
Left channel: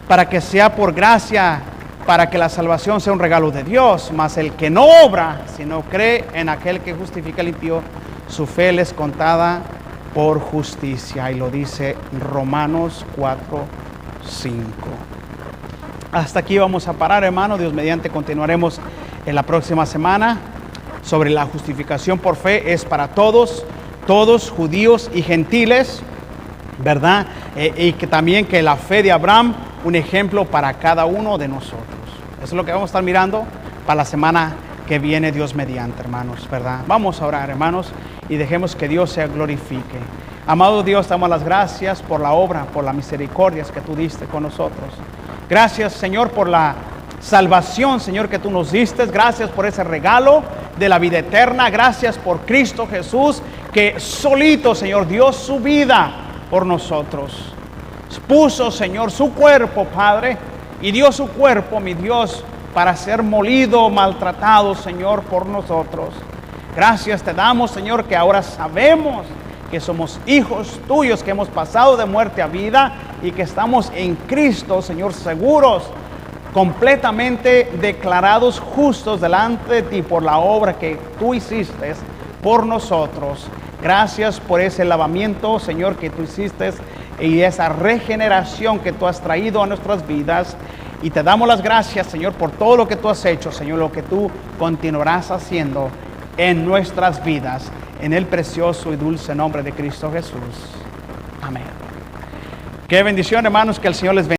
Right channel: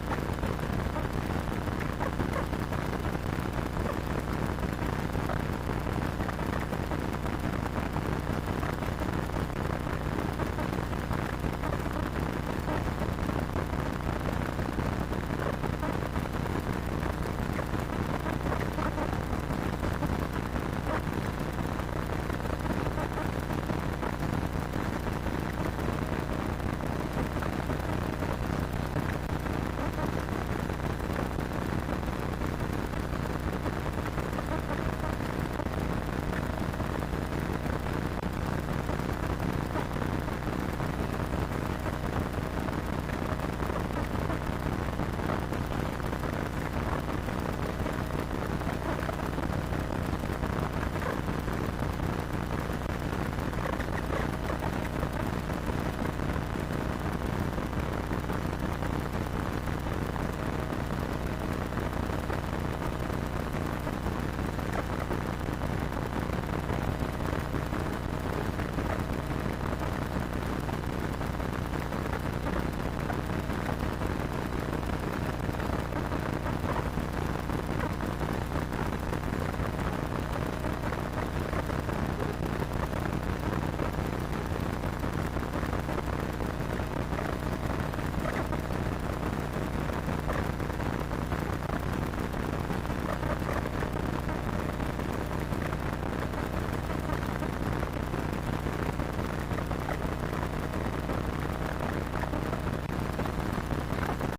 para que sea por gracia, para que la salvación sea un regalo de Dios. Mas el que no obra, sino cree en aquel que justifica al impío, su fe le es contada por justicia. Y lo dice Romanos 4:5. Hasta aquí vamos a parar, hermano. Dios mediante continuaremos en la próxima semana sobre la justificación por fe. Es para todos, judíos y gentiles, ¿verdad? Y que también que la fe de Abraham, un ejemplo para cada uno de nosotros. Eso es lo que vamos a estar mirando para la semana que viene, Dios mediante, hermanos, ¿verdad? Vamos a orar, hermanos, y dejemos que Dios se glorifique. Amado Dios, damos las gracias por la obra, por las misericordias que tú diste con nosotros. Gracias, Señor, por la salvación, Señor, que tú nos diste. Gracias por ese regalo de la vida eterna. Gracias por Cristo Jesús, que solito, Señor, dio su vida por nosotros. Puso, Señor, su cuerpo, Padre, y dio su cuerpo, mi Dios, para ser molido, maltratado, Señor, por nosotros. Gracias te damos, Señor, que ahora sabemos que somos hijos tuyos, que hemos pasado de muerte a vida y que estamos en Cristo, Señor, seguros, completamente declarados justos delante de ti por la obra que tú hiciste por nosotros. Gracias por ese lavamiento, Señor, que tú hiciste y esa regeneración que tú has traído a nuestras vidas. Y te damos las gracias, Señor, por todo lo que tú has hecho, Señor, lo que tú continuarás haciendo en nuestras vidas, en el precioso y dulce nombre de Cristo Jesús. Amén. Qué bendición, hermanos, que el Señor les bendiga.